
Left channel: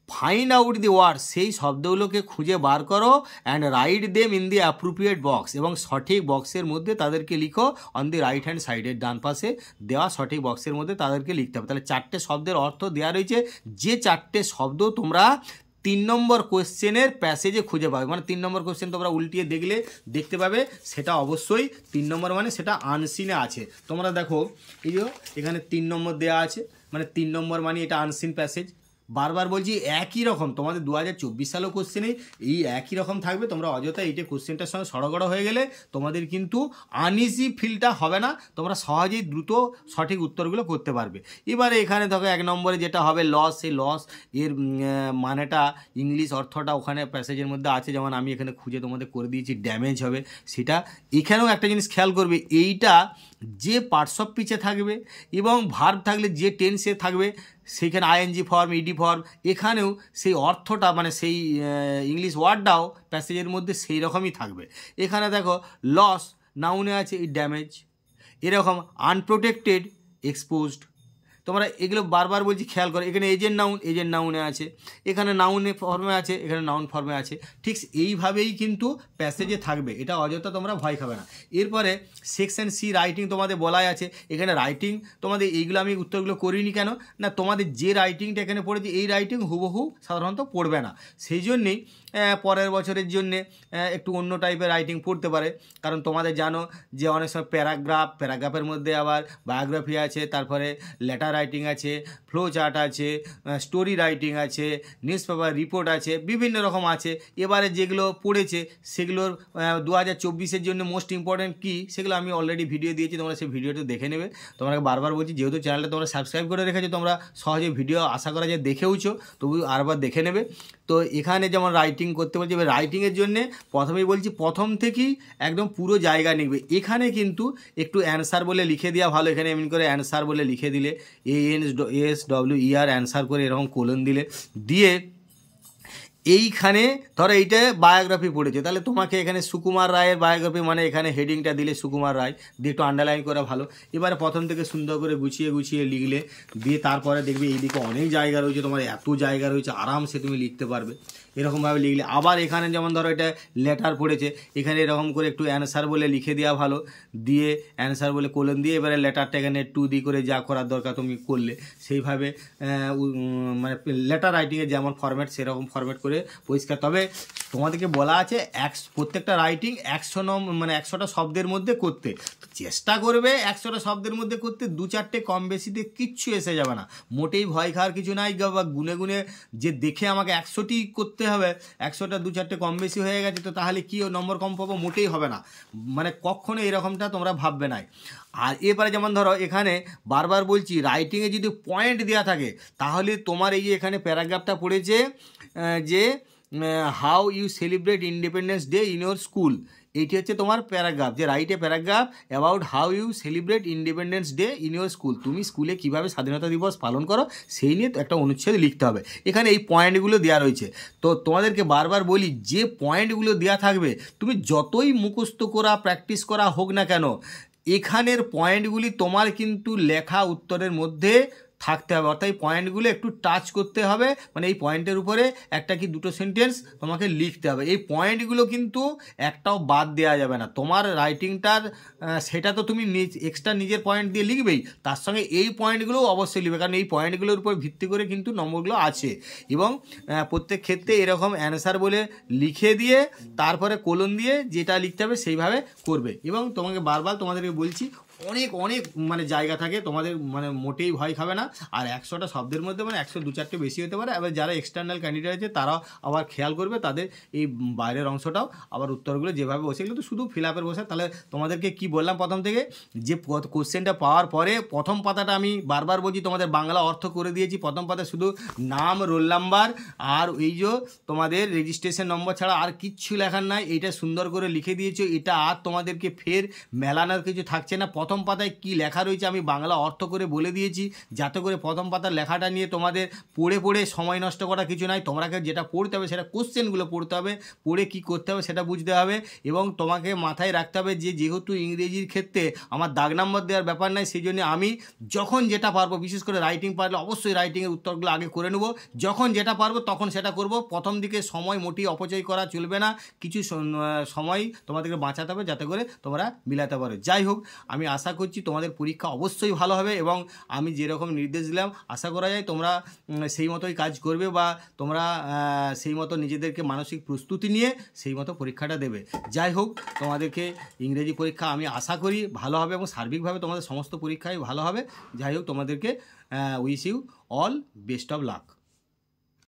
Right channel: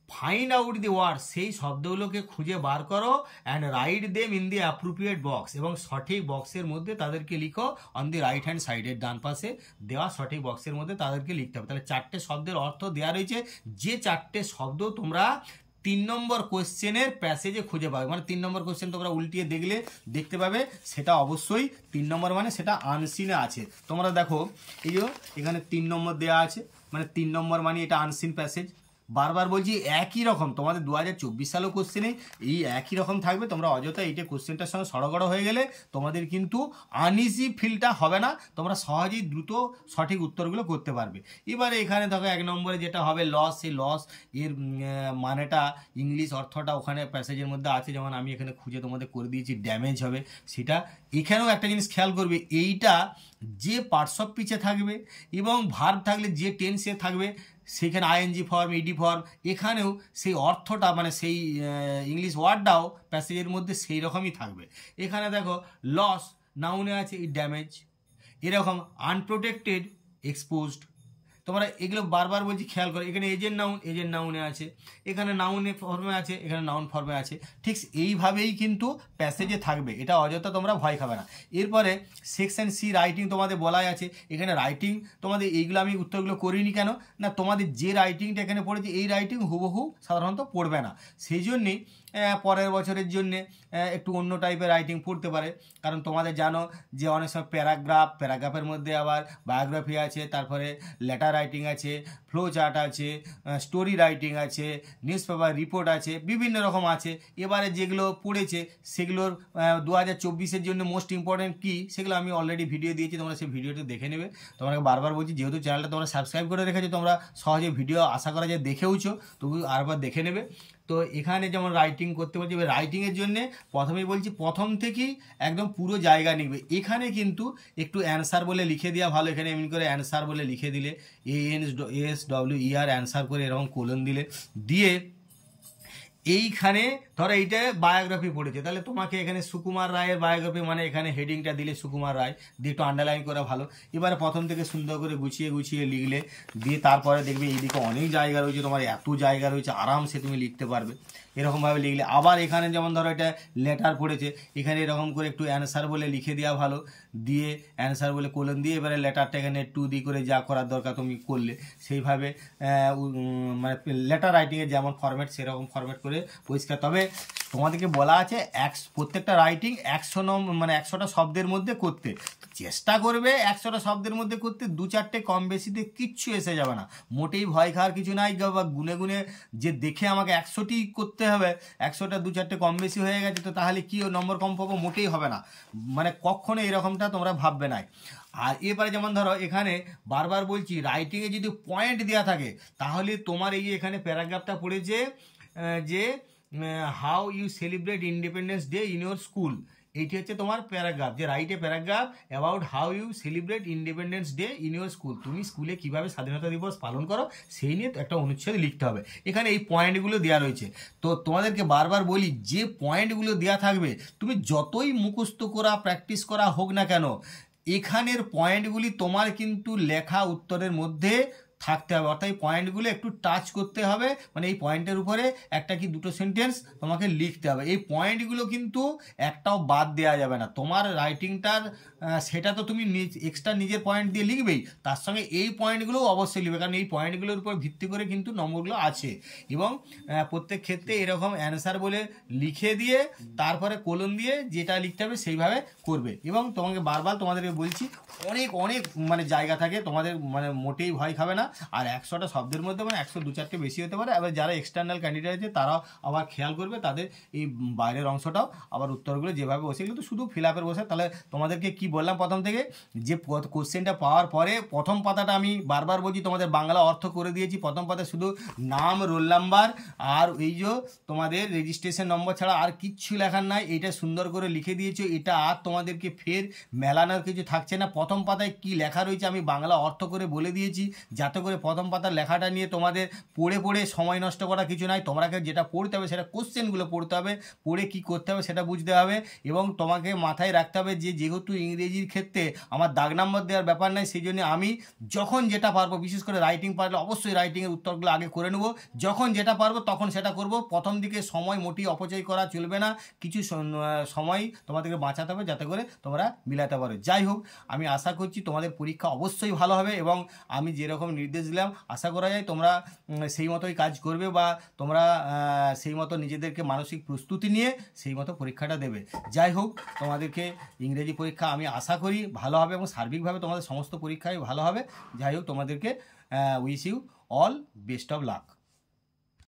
ফাইন্ড আউট দি ওয়ার্ড, সেই শব্দগুলোকে খুঁজে বার করো, and write them in the appropriate box, এবং সঠিক বক্সের মধ্যে তাদেরকে লিখো অন দি রাইট হ্যান্ড সাইডের ডান পাশে দেওয়া সঠিক বক্সের মধ্যে তাদেরকে লিখতে হবে। তাহলে 4টে শব্দের অর্থ দেওয়া রয়েছে, যে 4টে শব্দ তোমরা 3 নম্বর কোয়েশ্চেনের প্যাসেজে খুঁজে পাবে, মানে 3 নম্বর কোয়েশ্চেন তোমরা উল্টিয়ে দেখতে পাবে, সেটা অবশ্যই 3 নম্বর মানে সেটা আনসিনে আছে। তোমরা দেখো এই যে এখানে 3 নম্বর দেওয়া আছে, মানে 3 নম্বর মানে এটা আনসিন প্যাসেজ। বারবার বলছি একই রকম তোমাদের 2024 সালেও কোশ্চেনে এই একই রকম থাকবে। তোমরা অযথা এইটা কোশ্চেনটার সঙ্গে সড়গড় হয়ে গেলে তোমাদের কিন্তু আনইজি ফিলটা হবে না, তোমরা সহজেই দ্রুত সঠিক উত্তরগুলো করতে পারবে। এবারে এখানে দেখো 1 নম্বরে যেটা হবে লস, সেই লস এর মানেটা ইংলিশ অর্থটা ওখানে প্যাসেজের মধ্যে আছে, যেমন আমি এখানে খুঁজে তোমাদের করে দিয়েছি ড্যামেজ হবে সেটা। এখানেও একটা জিনিস খেয়াল করবে, এইটা যে পার্টস অফ স্পিচে থাকবে এবং ভার্ব থাকলে যে টেন্সে থাকবে সেইখানে আইএনজি ফর্ম, ইডি ফর্ম, এখানেও সেই অর্থটা মানে সেই ইংলিশ ওয়ার্ডটাও প্যাসেজের মধ্যে সেই রকমই থাকবে। এখানে দেখো লস নাউনে আছে ড্যামেজ, এরকম আনপ্রোটেক্টেড এক্সপোজড। তোমরা এগুলো বারবার বলছি খেয়াল করো, এখানে এজেন্ট নাউনে আছে, এখানে নাউনে ফর্মে আছে, এখানে নাউন ফর্মে আছে, ঠিক এইভাবেই কিন্তু প্যাসেজে থাকবে, এটা অযথা তোমরা ভয় খাবে না। এরপরে সেকশন সি রাইটিং তোমাদের বলাই আছে, এখানে রাইটিং তোমাদের এইগুলো আমি উত্তরগুলো করিনি কেন না, তোমাদের যে রাইটিংটা এখানে পড়েছে এই রাইটিং হুবহু সাধারণত পড়বে না, সেই জন্যেই পরের বছরের জন্যে একটু অন্য টাইপের রাইটিং পড়তে পারে। কারণ তোমাদের জানো যে অনেক সময় প্যারাগ্রাফের মধ্যে আবার বায়োগ্রাফি আছে, তারপরে লেটার রাইটিং আছে, ফ্লো চার্ট আছে, স্টোরি রাইটিং আছে, নিউজ পেপার রিপোর্ট আছে, বিভিন্ন রকম আছে। এবারে যেগুলো পড়েছে সেগুলোর 2024-এর জন্য মোস্ট ইম্পর্ট্যান্ট কী সেগুলো আমি অলরেডি ভিডিও দিয়েছি, তোমরা সেই ভিডিওটা দেখে নেবে। তোমাকে বারবার বলছি, যেহেতু চ্যানেলটা তোমরা সাবস্ক্রাইব করে রেখেছো, তোমরা সহজে ভিডিও আশা করা যায় দেখেওছো, তবু আরবার দেখে নেবে। তো এখানে যেমন রাইটিং করতে বলছি, এবার রাইটিংয়ের জন্যে প্রথমেই বলছি প্রথম থেকেই একদম পুরো জায়গা নিবে। এখানে কিন্তু একটু অ্যান্সার বলে লিখে দেওয়া ভালো। এখানে এমনি করে অ্যান্সার বলে লিখে দিলে, ANSWER অ্যান্সার করে এরকম কোলন দিলে, দিয়ে এইখানে ধরো এইটা বায়োগ্রাফি পড়েছে, তাহলে তোমাকে এখানে সুকুমার রায়ের বায়োগ্রাফি মানে এখানে হেডিংটা দিলে সুকুমার রায় দিয়ে একটু আন্ডারলাইন করা ভালো। এবারে প্রথম থেকে সুন্দর করে গুছিয়ে লিখলে, দিয়ে তারপরে দেখবে এইদিকে অনেক জায়গা রয়েছে, তোমার এত জায়গা রয়েছে আরামসে তুমি লিখতে পারবে। এরকমভাবে লিখলে আবার এখানে যেমন ধরো এটা লেটার পড়েছে, এখানে এরকম করে একটু অ্যান্সার বলে লিখে দেওয়া ভালো, দিয়ে অ্যান্সার বলে কোলন দিয়ে এবারে লেটারটা এখানে 2 দিয়ে করে যা করার দরকার তুমি করলে, সেইভাবে মানে লেটার রাইটিংয়ের যেমন ফরম্যাট সেরকম ফরম্যাট করে পরিষ্কার। তবে তোমাদেরকে বলা আছে প্রত্যেকটা রাইটিং 100টা শব্দের মধ্যে করতে চেষ্টা করবে, 100টা শব্দের মধ্যে করতে। 2-4টে কম বেশিতে কিচ্ছু এসে যাবে না, মোটেই ভয় খাওয়ার কিছু নাই। বা গুনে যে দেখে আমাকে 100টি করতে হবে, 100টা 2-4টে কম বেশি হয়ে গেছে তো তাহলে কি নম্বর কম পাবো, মোটেই হবে না, মানে কখনো এরকমটা তোমরা ভাববে না। আর এবারে যেমন ধরো এখানে বারবার বলছি, রাইটিংয়ে যদি পয়েন্ট দেওয়া থাকে তাহলে তোমার এই যে এখানে প্যারাগ্রাফটা পড়েছে যে how you celebrate Independence Day in your school, এইটি হচ্ছে তোমার প্যারাগ্রাফ, যে write a paragraph about how you celebrate Independence Day in your school. তুমি স্কুলে কীভাবে স্বাধীনতা দিবস পালন করো সেই নিয়ে একটা অনুচ্ছেদ লিখতে হবে। এখানে এই পয়েন্টগুলো দেওয়া রয়েছে। তো তোমাদেরকে বারবার বলি, যে পয়েন্টগুলো দেওয়া থাকবে তুমি যতই মুখস্থ করা প্র্যাকটিস করা হোক না কেন, এখানের পয়েন্টগুলি তোমার কিন্তু লেখা উত্তরের মধ্যে থাকতে হবে। অর্থাৎ এই পয়েন্টগুলো একটু টাচ করতে হবে, মানে এই পয়েন্টের উপরে একটা কি দুটো সেন্টেন্স তোমাকে লিখতে হবে। এই পয়েন্টগুলো কিন্তু একটাও বাদ দেওয়া যাবে না। তোমার রাইটিংটার সেটা তো তুমি এক্সট্রা নিজের পয়েন্ট দিয়ে লিখবেই, তার সঙ্গে এই পয়েন্টগুলোও অবশ্যই লিখবে, কারণ এই পয়েন্টগুলোর উপর ভিত্তি করে কিন্তু নম্বরগুলো আছে। এবং প্রত্যেক ক্ষেত্রে এরকম অ্যান্সার বলে লিখে দিয়ে তারপরে কোলন দিয়ে যেটা লিখতে হবে সেইভাবে করবে। এবং তোমাকে বারবার তোমাদেরকে বলছি, অনেক মানে জায়গা থাকে, তোমাদের মানে মোটেই ভয় খাবে না। আর 100টা শব্দের মধ্যে মানে 100-2-4টে বেশি হতে পারে। আবার যারা এক্সটার্নাল ক্যান্ডিডেট আছে তারাও আবার খেয়াল করবে, তাদের এই বাইরের অংশটাও আবার উত্তরগুলো যেভাবে বসে এগুলো তো শুধু ফিল আপের বসে। তাহলে তোমাদেরকে কি বললাম প্রথম থেকে, যে কোশ্চেনটা পাওয়ার পরে প্রথম পাতাটা আমি বারবার বলছি তোমাদের বাংলা অর্থ করে দিয়েছি। প্রথম পাতায় শুধু নাম, রোল নাম্বার আর এই যে তোমাদের রেজিস্ট্রেশন নম্বর ছাড়া আর কিচ্ছু লেখার নাই। এইটা সুন্দর করে লিখে দিয়েছো, এটা আর তোমাদেরকে ফের মেলানোর কিছু থাকছে না। প্রথম পাতায় কি লেখা রয়েছে আমি বাংলা অর্থ করে বলে দিয়েছি, যাতে করে প্রথম পাতার লেখাটা নিয়ে তোমাদের পড়ে সময় নষ্ট করা কিছু নাই। তোমাকে যেটা পড়তে হবে সেটা কোশ্চেনগুলো পড়তে হবে, পড়ে কি করতে হবে সেটা বুঝতে হবে। এবং তোমাকে মাথায় রাখতে হবে যে যেহেতু ইংরেজির ক্ষেত্রে আমার দাগ নাম্বার দেওয়ার ব্যাপার নাই, সেই জন্য আমি যখন যেটা পারবো, বিশেষ করে রাইটিং পারলে অবশ্যই রাইটিংয়ের উত্তরগুলো আগে করে নেবো, যখন যেটা পারবো তখন সেটা করব। প্রথম দিকে সময় মোটেই অপচয় করা চলবে না, কিছু সময় তোমাদেরকে বাঁচাতে হবে যাতে করে তোমরা মিলাতে পারো। যাই হোক, আমি আশা করছি তোমাদের পরীক্ষা অবশ্যই ভালো হবে এবং আমি যেরকম নির্দেশ দিলাম আশা করা যায় তোমরা সেই মতোই কাজ করবে, বা তোমরা সেই মতো নিজেদেরকে মানসিক প্রস্তুতি নিয়ে সেই মতো পরীক্ষাটা দেবে। যাই হোক, তোমাদেরকে ইংরেজি পরীক্ষা আমি আশা করি ভালো হবে এবং সার্বিকভাবে তোমাদের সমস্ত পরীক্ষাই ভালো হবে। যাই হোক, তোমাদেরকে wish you all best of lakh.